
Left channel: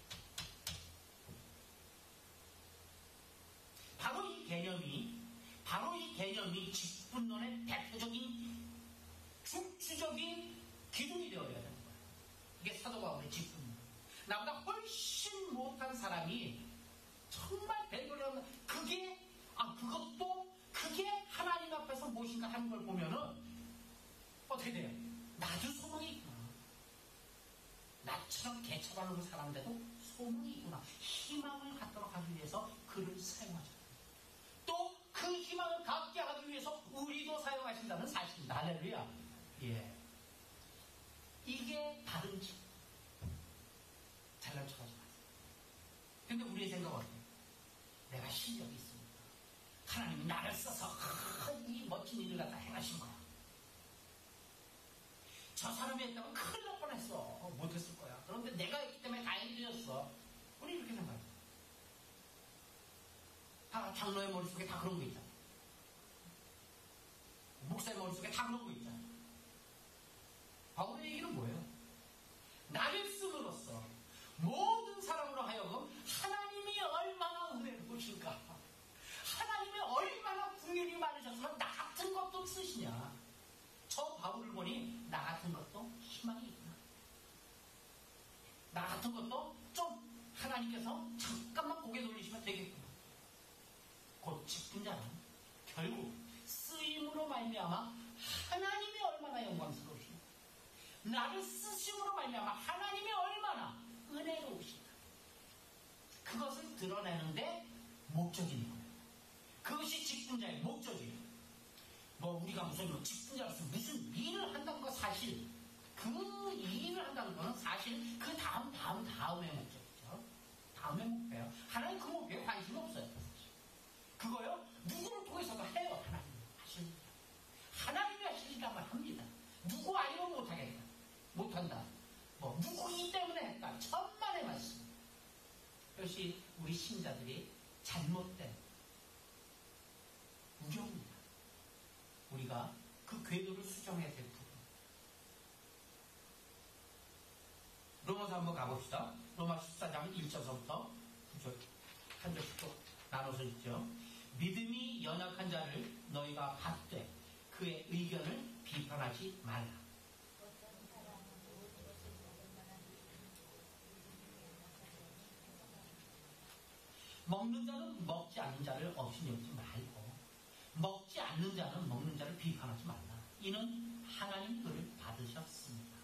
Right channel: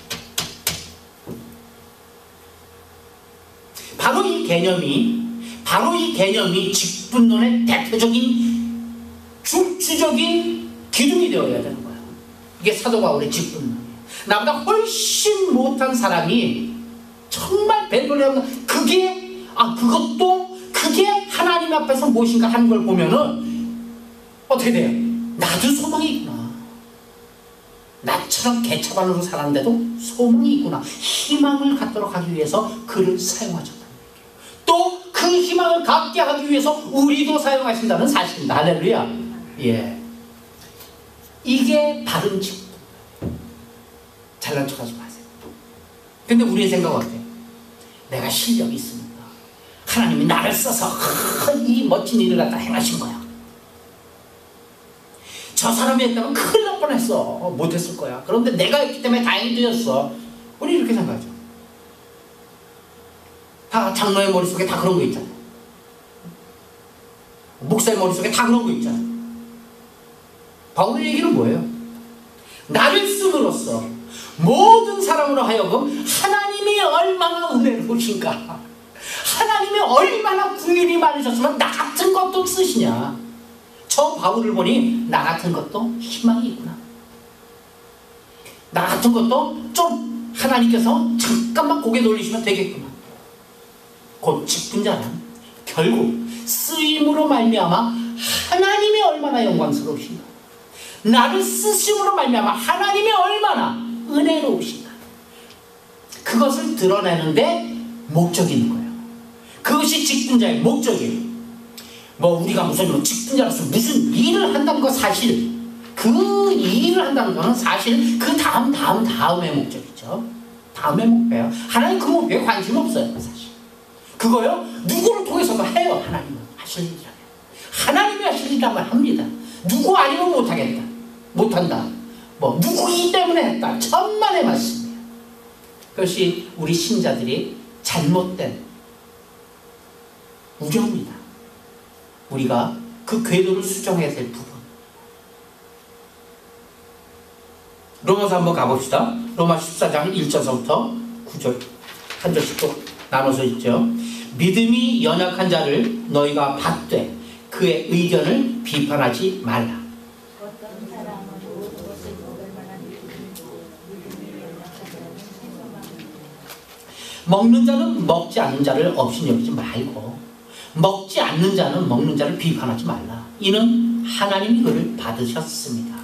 바로 이 개념이 직분론의 대표적인 주적인 기둥이 되어야 되는 거예요. 이게 사도 바울의 직분론이에요. 나보다 훨씬 못한 사람이 정말 별볼이 없는 그게 하나님 앞에서 무엇인가 하는 걸 보면은 어떻게 돼요? 나도 소망이 있구나. 나처럼 개차반으로 살았는데도 소망이 있구나. 희망을 갖도록 하기 위해서 그를 사용하셨다는 얘기예요. 또 그 희망을 갖게 하기 위해서 우리도 사용하신다는 사실입니다. 할렐루야. 예. 이게 바른 직분. 잘난 척하지 마세요. 근데 우리의 생각은 어때요? 내가 실력이 있으니까 하나님이 나를 써서 이 멋진 일을 갖다 행하신 거야. 저 사람이 했다면 큰일 날 뻔했어. 못했을 거야. 그런데 내가 했기 때문에 다행히 되었어. 우리 이렇게 생각하죠. 다 장로의 머릿속에 다 그런 거 있잖아요. 목사의 머릿속에 다 그런 거 있잖아요. 바울의 얘기는 뭐예요? 나를 씀으로써 모든 사람으로 하여금 하나님이 얼마나 은혜로우신가, 하나님이 얼마나 긍휼이 많으셨으면 나 같은 것도 쓰시냐. 저 바울을 보니 나 같은 것도 희망이 있구나. 나 같은 것도 좀 하나님께서 잠깐만 고개 돌리시면 되겠구나. 곧 직분자는 결국 쓰임으로 말미암아 하나님이 얼마나 영광스러우신가, 나를 쓰심으로 말미암아 하나님이 얼마나 은혜로우신가, 그것을 드러내는데 목적이 있는 거예요. 그것이 직분자의 목적이에요. 뭐 우리가 무슨 직분자로서 무슨 일을 한다는 거, 사실 그 일을 한다는 거는 사실 그 다음의 목적이죠. 다음의 목표예요. 하나님 그 목표에 관심 없어요. 사실 그거요 누구를 통해서도 해요. 하나님은 하실 일이라면 하나님이 하실 일이라면 합니다. 누구 아니면 못하겠다, 못한다, 뭐 누구이기 때문에 했다, 천만의 말씀이에요. 그것이 우리 신자들이 잘못된 우려입니다. 우리가 그 궤도를 수정해야 될 부분. 로마서 한번 가봅시다. 로마 14장 1절서부터 9절 한 절씩 또 나눠서 있죠. 믿음이 연약한 자를 너희가 받되 그의 의견을 비판하지 말라. 먹는 자는 먹지 않는 자를 없이 여기지 말고 먹지 않는 자는 먹는 자를 비판하지 말라. 이는 하나님이 그를 받으셨습니다.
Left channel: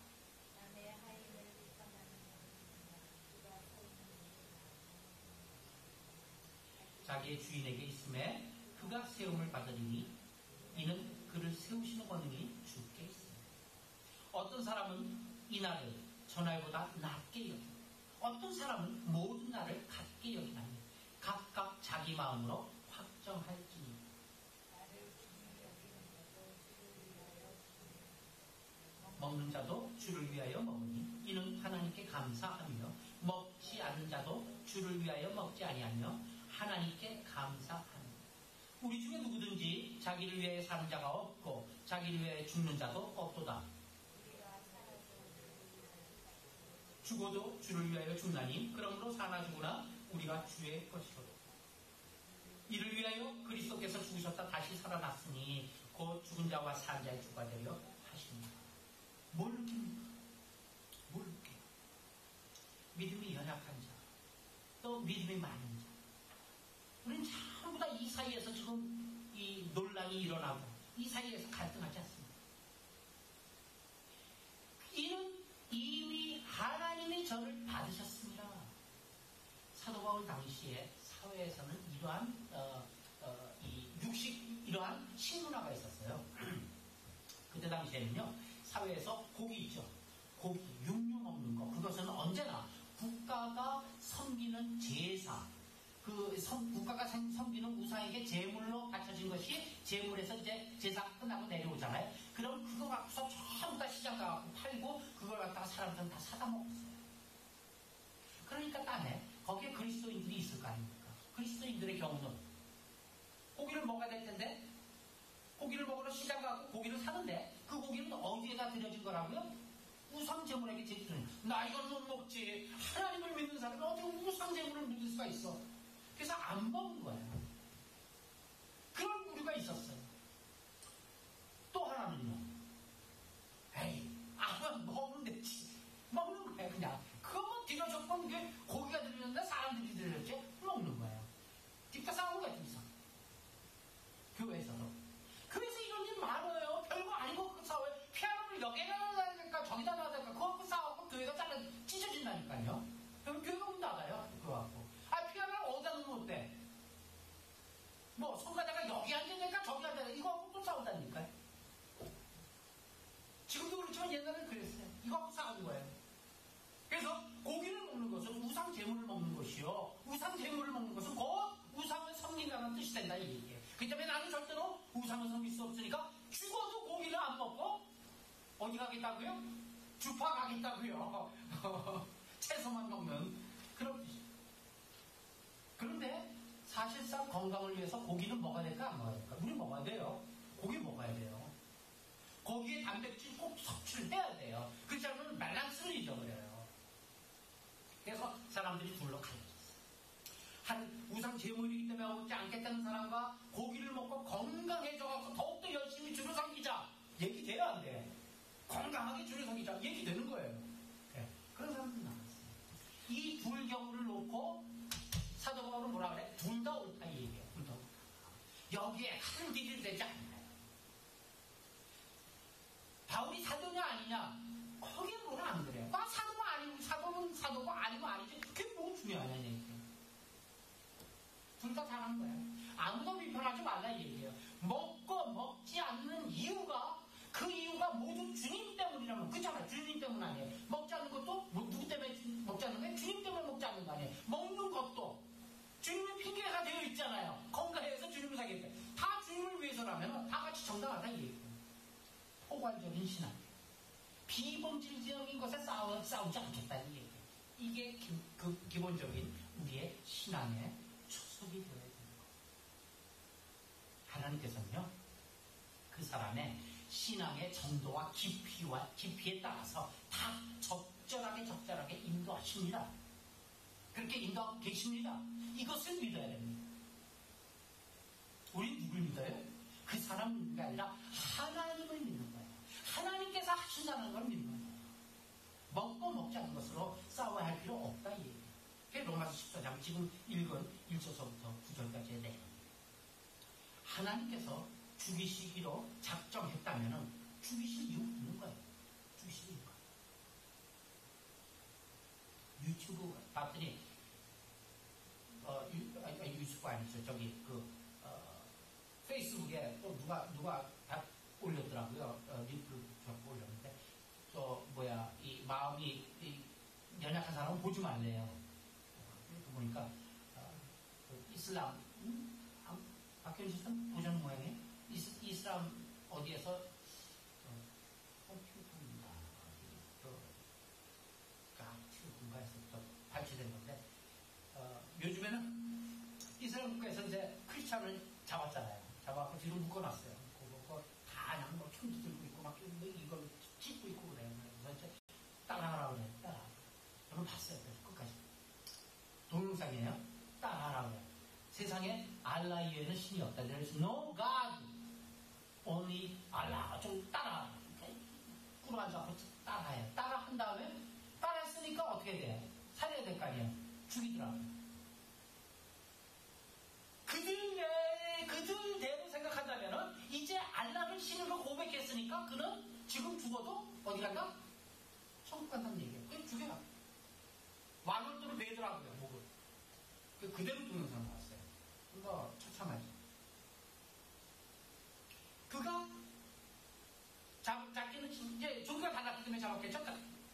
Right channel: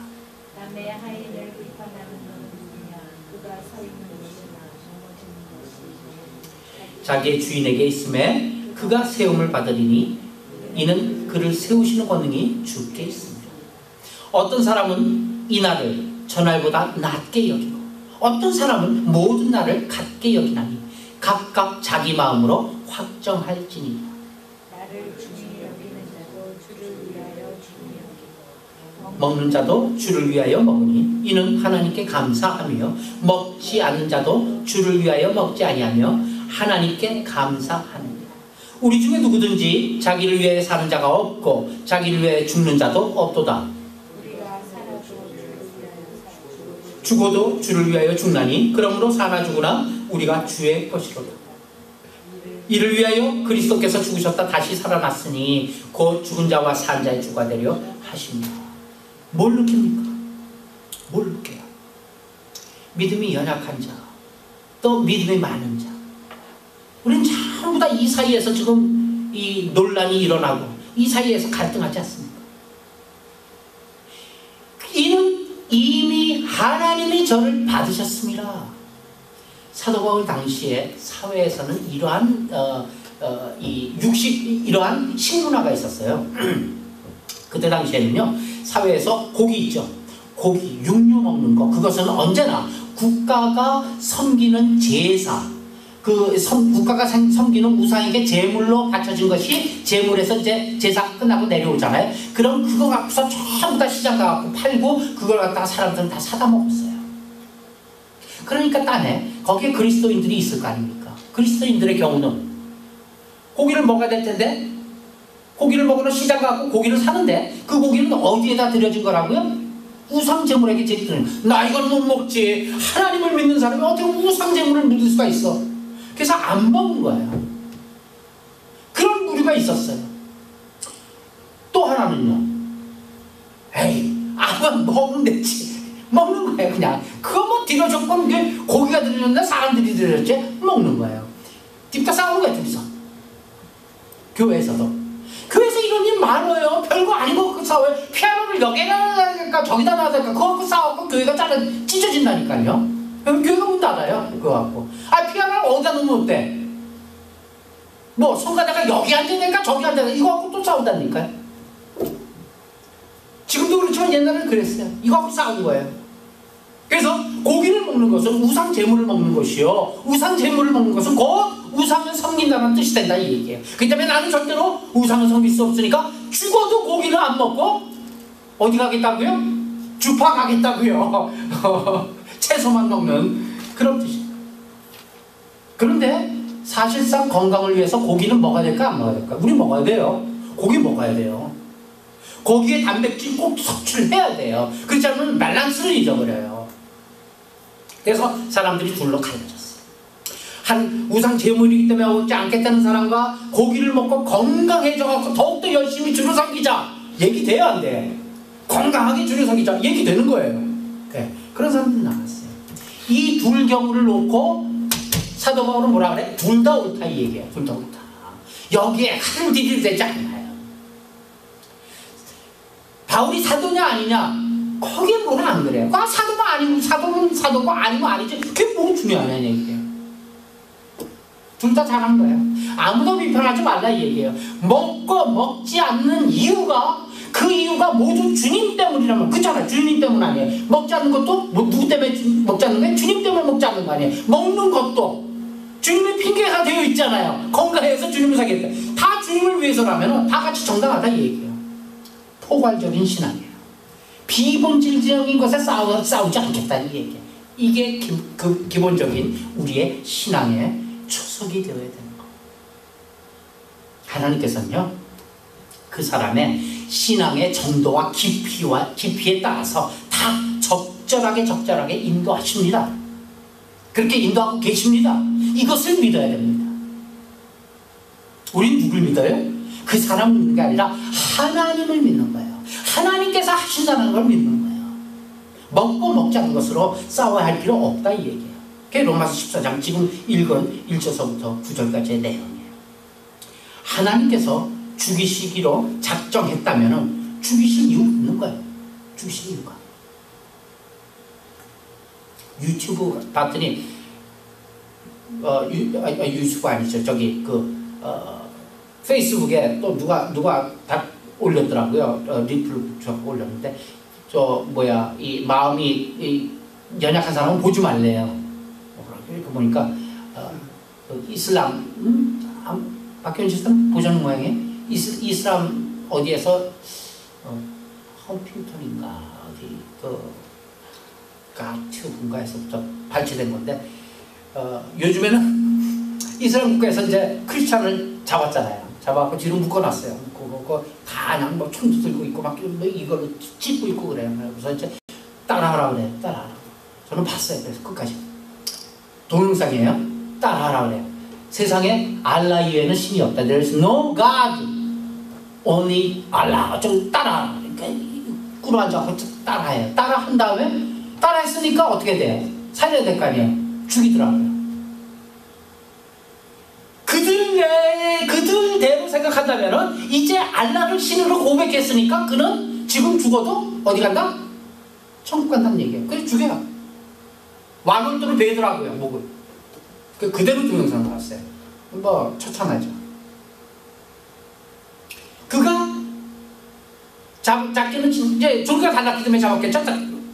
자기의 주인에게 있음에 그가 세움을 받으리니 이는 그를 세우시는 권능이 주께 있습니다. 어떤 사람은 이 날을 저날보다 낮게 여기고 어떤 사람은 모든 날을 같게 여기나니 각각 자기 마음으로 확정할지니라. 먹는 자도 주를 위하여 먹으니 이는 하나님께 감사하며 먹지 않는 자도 주를 위하여 먹지 아니하며 하나님께 감사하느니라. 우리 중에 누구든지 자기를 위해 사는 자가 없고 자기를 위해 죽는 자도 없도다. 죽어도 주를 위하여 죽나니 그러므로 사나 죽으나 우리가 주의 것이로다. 이를 위하여 그리스도께서 죽으셨다 다시 살아났으니 곧 죽은 자와 산 자의 주가 되려 하십니다. 뭘 느낍니까? 뭘 느껴요? 믿음이 연약한 자, 또 믿음이 많은 자. 우리는 전부 다 이 사이에서 지금 이 논란이 일어나고 이 사이에서 갈등하지 않습니까? 이는 이미 하나님이 저를 받으셨습니다. 사도 바울 당시에 사회에서는 이러한 이러한 식문화가 있었어요. 그때 당시에는요 사회에서 곡이 있죠. 고기, 육류 먹는 거, 그것은 언제나 국가가 섬기는 제사, 국가가 섬기는 우상에게 제물로 바쳐진 것이 제물에서 이제 제사 끝나고 내려오잖아요. 그럼 그거 갖고서 전부 다 시장 가갖고 팔고 그걸 갖다가 사람들은 다 사다 먹었어요. 그러니까 딴에 거기에 그리스도인들이 있을 거 아닙니까? 그리스도인들의 경우는 고기를 먹어야 될 텐데 고기를 먹으러 시장 가고 고기를 사는데 그 고기는 어디에다 들여진 거라고요? 우상 제물에게 드리는. 나 이건 못 먹지. 하나님을 믿는 사람이 어떻게 우상 제물을 믿을 수가 있어? 그래서 안 먹는 거예요. 그런 무리가 있었어요. 또 하나는요. 에이, 아무 먹으면 되지. 먹는 거예요, 그냥. 그거 뭐 들여줬건 고기가 들여줬는데 사람들이 들여줬지? 먹는 거예요. 딥다 싸우는 거예요, 둘이서. 교회에서도. 교회에서 이런 일 많아요. 별거 아닌 거 갖고 싸워요. 피아노를 여기다 놔야 될까 저기다 놔야 될까 그거 갖고 싸워서 교회가 찢어진다니까요. 교회가 문 닫아요. 그거 갖고. 피아노를 어디다 놓으면 어때? 뭐 성가대가 여기 앉아야 될까 저기 앉아야 될까 이거 갖고 또 싸운다니까요. 지금도 그렇지만 옛날에는 그랬어요. 이거 갖고 싸운 거예요. 그래서 고기를 먹는 것은 우상 제물을 먹는 것이요. 우상 제물을 먹는 것은 곧 우상을 섬긴다는 뜻이 된다 이 얘기예요. 그렇기 때문에 나는 절대로 우상을 섬길 수 없으니까 죽어도 고기를 안 먹고 어디 가겠다고요? 주파 가겠다고요. 채소만 먹는 그런 뜻이에요. 그런데 사실상 건강을 위해서 고기는 먹어야 될까 안 먹어야 될까? 우리 먹어야 돼요. 고기 먹어야 돼요. 고기에 단백질 꼭 섭취해야 돼요. 그렇지 않으면 밸런스를 잊어버려요. 그래서 사람들이 둘로 갈라졌어요. 한 우상 제물이기 때문에 먹지 않겠다는 사람과 고기를 먹고 건강해져서 더욱더 열심히 주를 섬기자 얘기 돼야 안 돼. 건강하게 주를 섬기자 얘기 되는 거예요. 네. 그런 사람들이 나왔어요. 이 둘 경우를 놓고 사도 바울은 뭐라 그래? 둘 다 옳다 이 얘기예요. 둘 다 옳다. 여기에 한 딜이 되지 않나요? 바울이 사도냐 아니냐 거기에 뭐는 안 그래요. 사도면 아니고 사도면 사도고 아니면 아니지. 그게 뭐 중요하냐 얘기예요. 둘 다 잘한 거예요. 아무도 비판하지 말라 이 얘기예요. 먹고 먹지 않는 이유가 그 이유가 모두 주님 때문이라면 그렇잖아요. 주님 때문 아니에요. 먹지 않는 것도 뭐 누구 때문에 먹지 않는 거예요? 주님 때문에 먹지 않는 거 아니에요. 먹는 것도 주님의 핑계가 되어 있잖아요. 건강해서 주님을 사겠다. 다 주님을 위해서라면 다 같이 정당하다 이 얘기예요. 포괄적인 신앙이에요. 비본질적인 것에 싸우지 않겠다는 얘기예요. 이게 기본적인 우리의 신앙의 초석이 되어야 되는 거. 하나님께서는요, 그 사람의 신앙의 정도와 깊이에 따라서 다 적절하게 인도하십니다. 그렇게 인도하고 계십니다. 이것을 믿어야 됩니다. 우린 누굴 믿어요? 그 사람을 믿는 게 아니라 하나님을 믿는 거예요. 하나님께서 하신다는 걸 믿는 거예요. 먹고 먹지 않는 것으로 싸워야 할 필요 없다 이 얘기예요. 그게 로마서 14장 지금 읽은 1절서부터 9절까지의 내용이에요. 하나님께서 죽이시기로 작정했다면 죽이실 이유가 있는 거예요. 죽이실 이유가. 유튜브 봤더니 유튜브 아니죠. 저기 페이스북에 또 누가 다 올렸더라고요. 리플 붙여서 올렸는데 이 마음이 연약한 사람은 보지 말래요. 이렇게 보니까 이슬람 박현 씨는 보시는 모양이에요. 이슬람 어디에서 험핑턴인가 어디 가튜브인가에서부터 발췌된 건데 요즘에는 이스라엘 국가에서 이제 크리스찬을 잡았잖아요. 잡아갖고 뒤로 묶어놨어요. 묶어놓고 다 그냥 뭐 총도 들고 있고 막 이걸로 찢고 있고 그래요. 그래서 이제 따라하라 그래요. 따라하라. 저는 봤어요. 그래서 끝까지 동영상이에요. 따라하라 그래요. 세상에 알라 이외에는 신이 없다. There's no God, only Allah. 좀 따라하라. 그러니까 꿇어 앉아서 따라해요. 따라한 다음에 따라했으니까 어떻게 돼요? 살려야 될 거 아니에요. 죽이더라고요. 그들대로 생각한다면 이제 알라를 신으로 고백했으니까 그는 지금 죽어도 어디 간다? 천국 간다는 얘기예요. 그래서 죽여요. 완월도로 베더라고요. 목을. 그대로 동영상 나왔어요. 뭐 처참하죠. 그가 잡기는 이제 종교가 달랐기 때문에 잡았겠죠.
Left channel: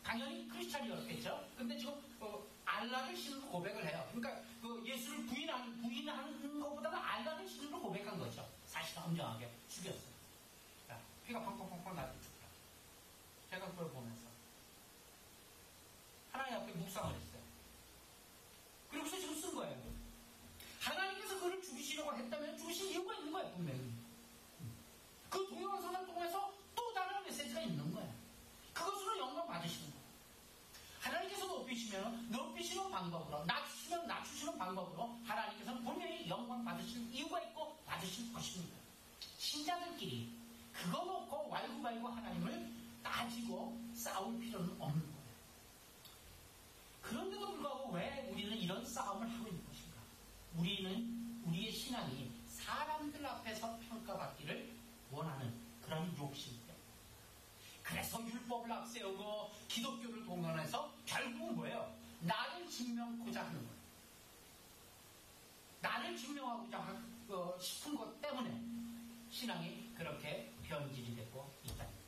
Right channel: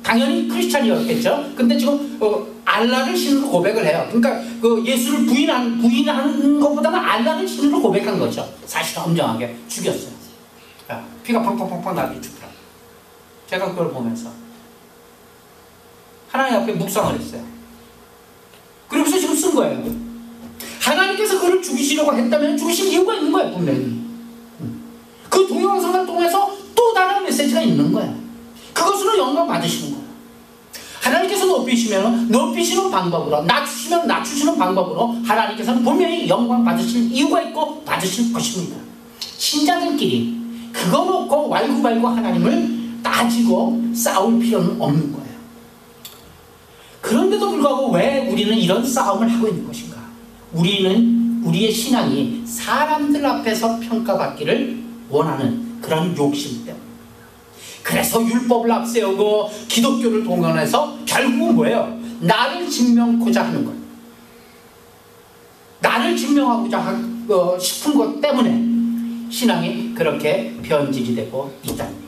당연히 크리스찬이었겠죠. 근데 지금 알라를 신으로 고백을 해요. 그러니까 그 예수를 부인하는 것보다는 알라를 신으로 고백한 거죠. 사실 엄정하게 죽였어요. 피가 펑펑펑펑 나게 죽더라. 제가 그걸 보면서 하나님 앞에 묵상을 했어요. 그러면서 지금 쓴 거예요. 하나님께서 그를 죽이시려고 했다면 죽이실 이유가 있는 거예요, 분명히. 그 동영상을 통해서 또 다른 메시지가 있는 거예요. 그것으로 영광 받으시는 거예요. 하나님께서 높이시는 방법으로, 낮추시면 낮추시는 방법으로 하나님께서는 분명히 영광 받으실 이유가 있고 받으실 것입니다. 신자들끼리 그거 놓고 왈구왈구 하나님을 따지고 싸울 필요는 없는 거예요. 그런데도 불구하고 왜 우리는 이런 싸움을 하고 있는 것인가? 우리의 신앙이 사람들 앞에서 평가받기를 원하는 그런 욕심 때문에. 그래서 율법을 앞세우고 기독교를 동원해서 결국은 뭐예요? 나를 증명하고자 하는 것. 나를 증명하고자 싶은 것 때문에 신앙이 그렇게 변질이 되고 있다는 거예요.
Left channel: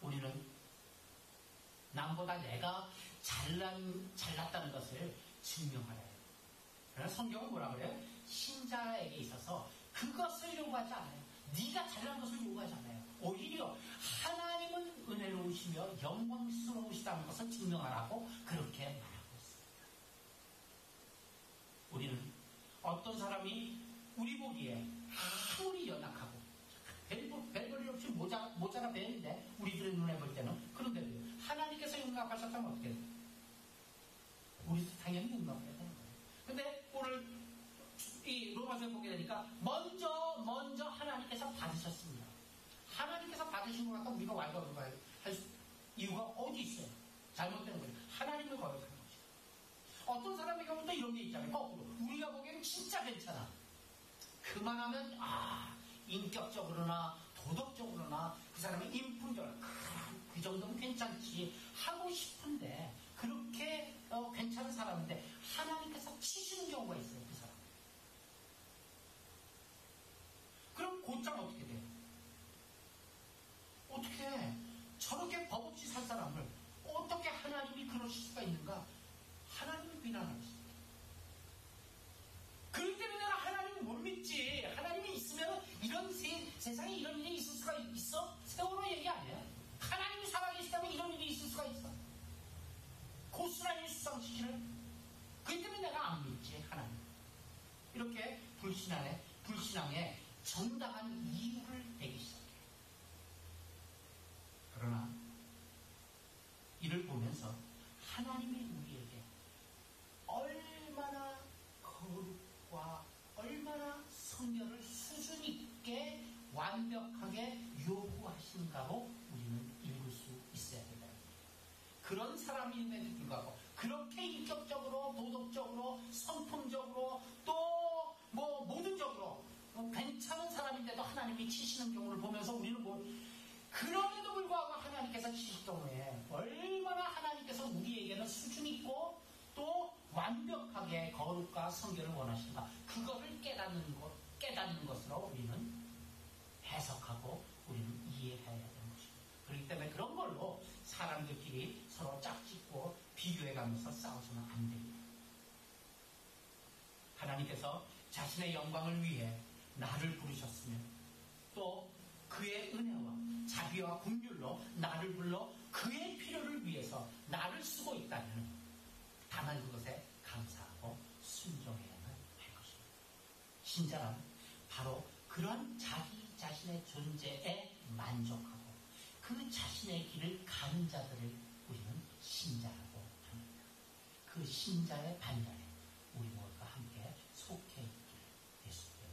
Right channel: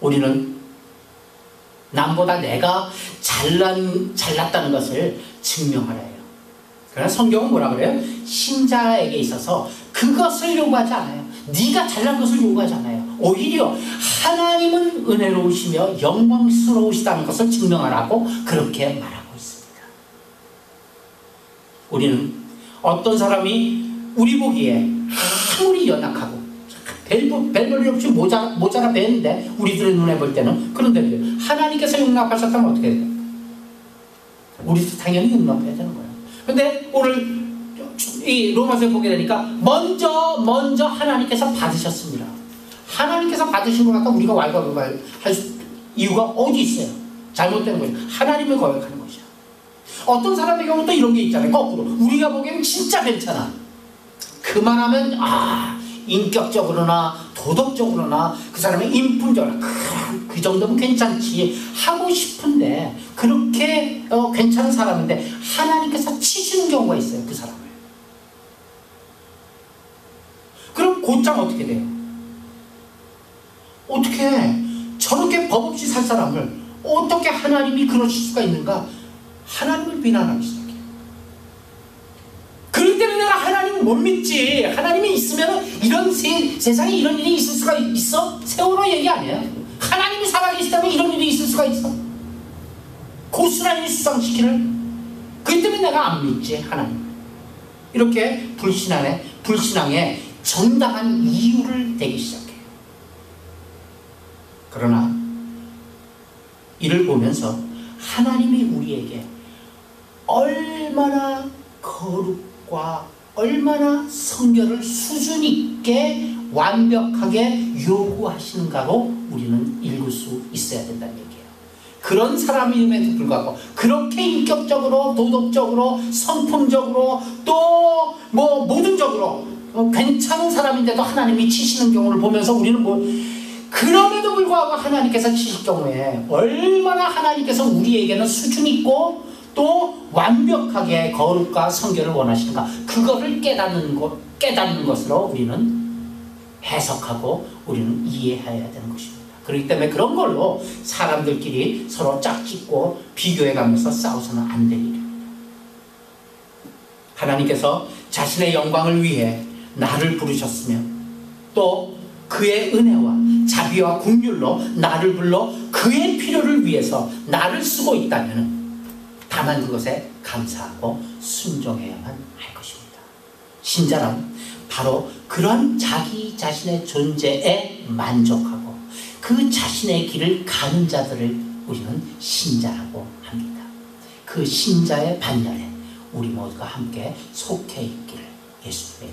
우리는 남보다 내가 잘났다는 것을 증명하려 해요. 그러나 성경은 뭐라 그래요? 신자에게 있어서 그것을 요구하지 않아요. 네가 잘난 것을 요구하지 않아요. 오히려 하나님은 은혜로우시며 영광스러우시다는 것을 증명하라고 그렇게 말하고 있습니다. 우리는 어떤 사람이 우리 보기에 아무리 연약하고 별볼일 없이 모자라 뵀는데 우리들의 눈에 볼 때는 그런데 하나님께서 용납하셨다면 어떻게 해야 돼요? 우리도 당연히 용납해야 되는 거예요. 근데 오늘 이 로마서에 보게 되니까 먼저 하나님께서 받으셨습니다. 하나님께서 받으신 것 같다 우리가 왈가왈부 할 이유가 어디 있어요? 잘못된 거죠. 하나님을 거역하는 것이죠. 어떤 사람의 경우 또 이런 게 있잖아요. 거꾸로 우리가 보기에는 진짜 괜찮아. 그만하면 인격적으로나 도덕적으로나 그 사람의 인품적으로나 그 정도면 괜찮지 하고 싶은데 그렇게 괜찮은 사람인데 하나님께서 치시는 경우가 있어요. 그 사람을. 그럼 곧장 어떻게 돼요? 어떻게 저렇게 법 없이 살 사람을 어떻게 하나님이 그러실 수가 있는가? 하나님을 비난하기 시작해요. 그럴 때는 내가 하나님을 못 믿지. 하나님이 있으면 이런 세상에 이런 일이 있을 수가 있어? 세월호 얘기 아니에요. 하나님이 살아계시다면 이런 일이 있을 수가 있어? 고스란히 수상시키는. 그렇기 때문에 내가 안 믿지 하나님. 이렇게 불신앙에 정당한 이유를 대기 시작해요. 그러나 이를 보면서 하나님이 우리에게 얼마나 거룩과 얼마나 성결을 수준 있게 완벽하게 요구하시는가로 우리는 읽을 수 있어야 된다는 얘기예요. 그런 사람임에도 불구하고 그렇게 인격적으로 도덕적으로 성품적으로 또 뭐 모든적으로 괜찮은 사람인데도 하나님이 치시는 경우를 보면서 우리는 그럼에도 불구하고 하나님께서 치실 경우에 얼마나 하나님께서 우리에게는 수준 있고 또 완벽하게 거룩과 성결을 원하시는가, 그거를 깨닫는 것으로 우리는 해석하고 우리는 이해해야 되는 것입니다. 그렇기 때문에 그런 걸로 사람들끼리 서로 짝짓고 비교해가면서 싸워서는 안 될 일입니다. 하나님께서 자신의 영광을 위해 나를 부르셨으며 또 그의 은혜와 자비와 긍휼로 나를 불러 그의 필요를 위해서 나를 쓰고 있다면 다만 그것에 감사하고 순종해야만 할 것입니다. 신자란 바로 그런 자기 자신의 존재에 만족하고 그 자신의 길을 가는 자들을 우리는 신자라고 합니다. 그 신자의 반열에 우리 모두가 함께 속해 있기를 예수님의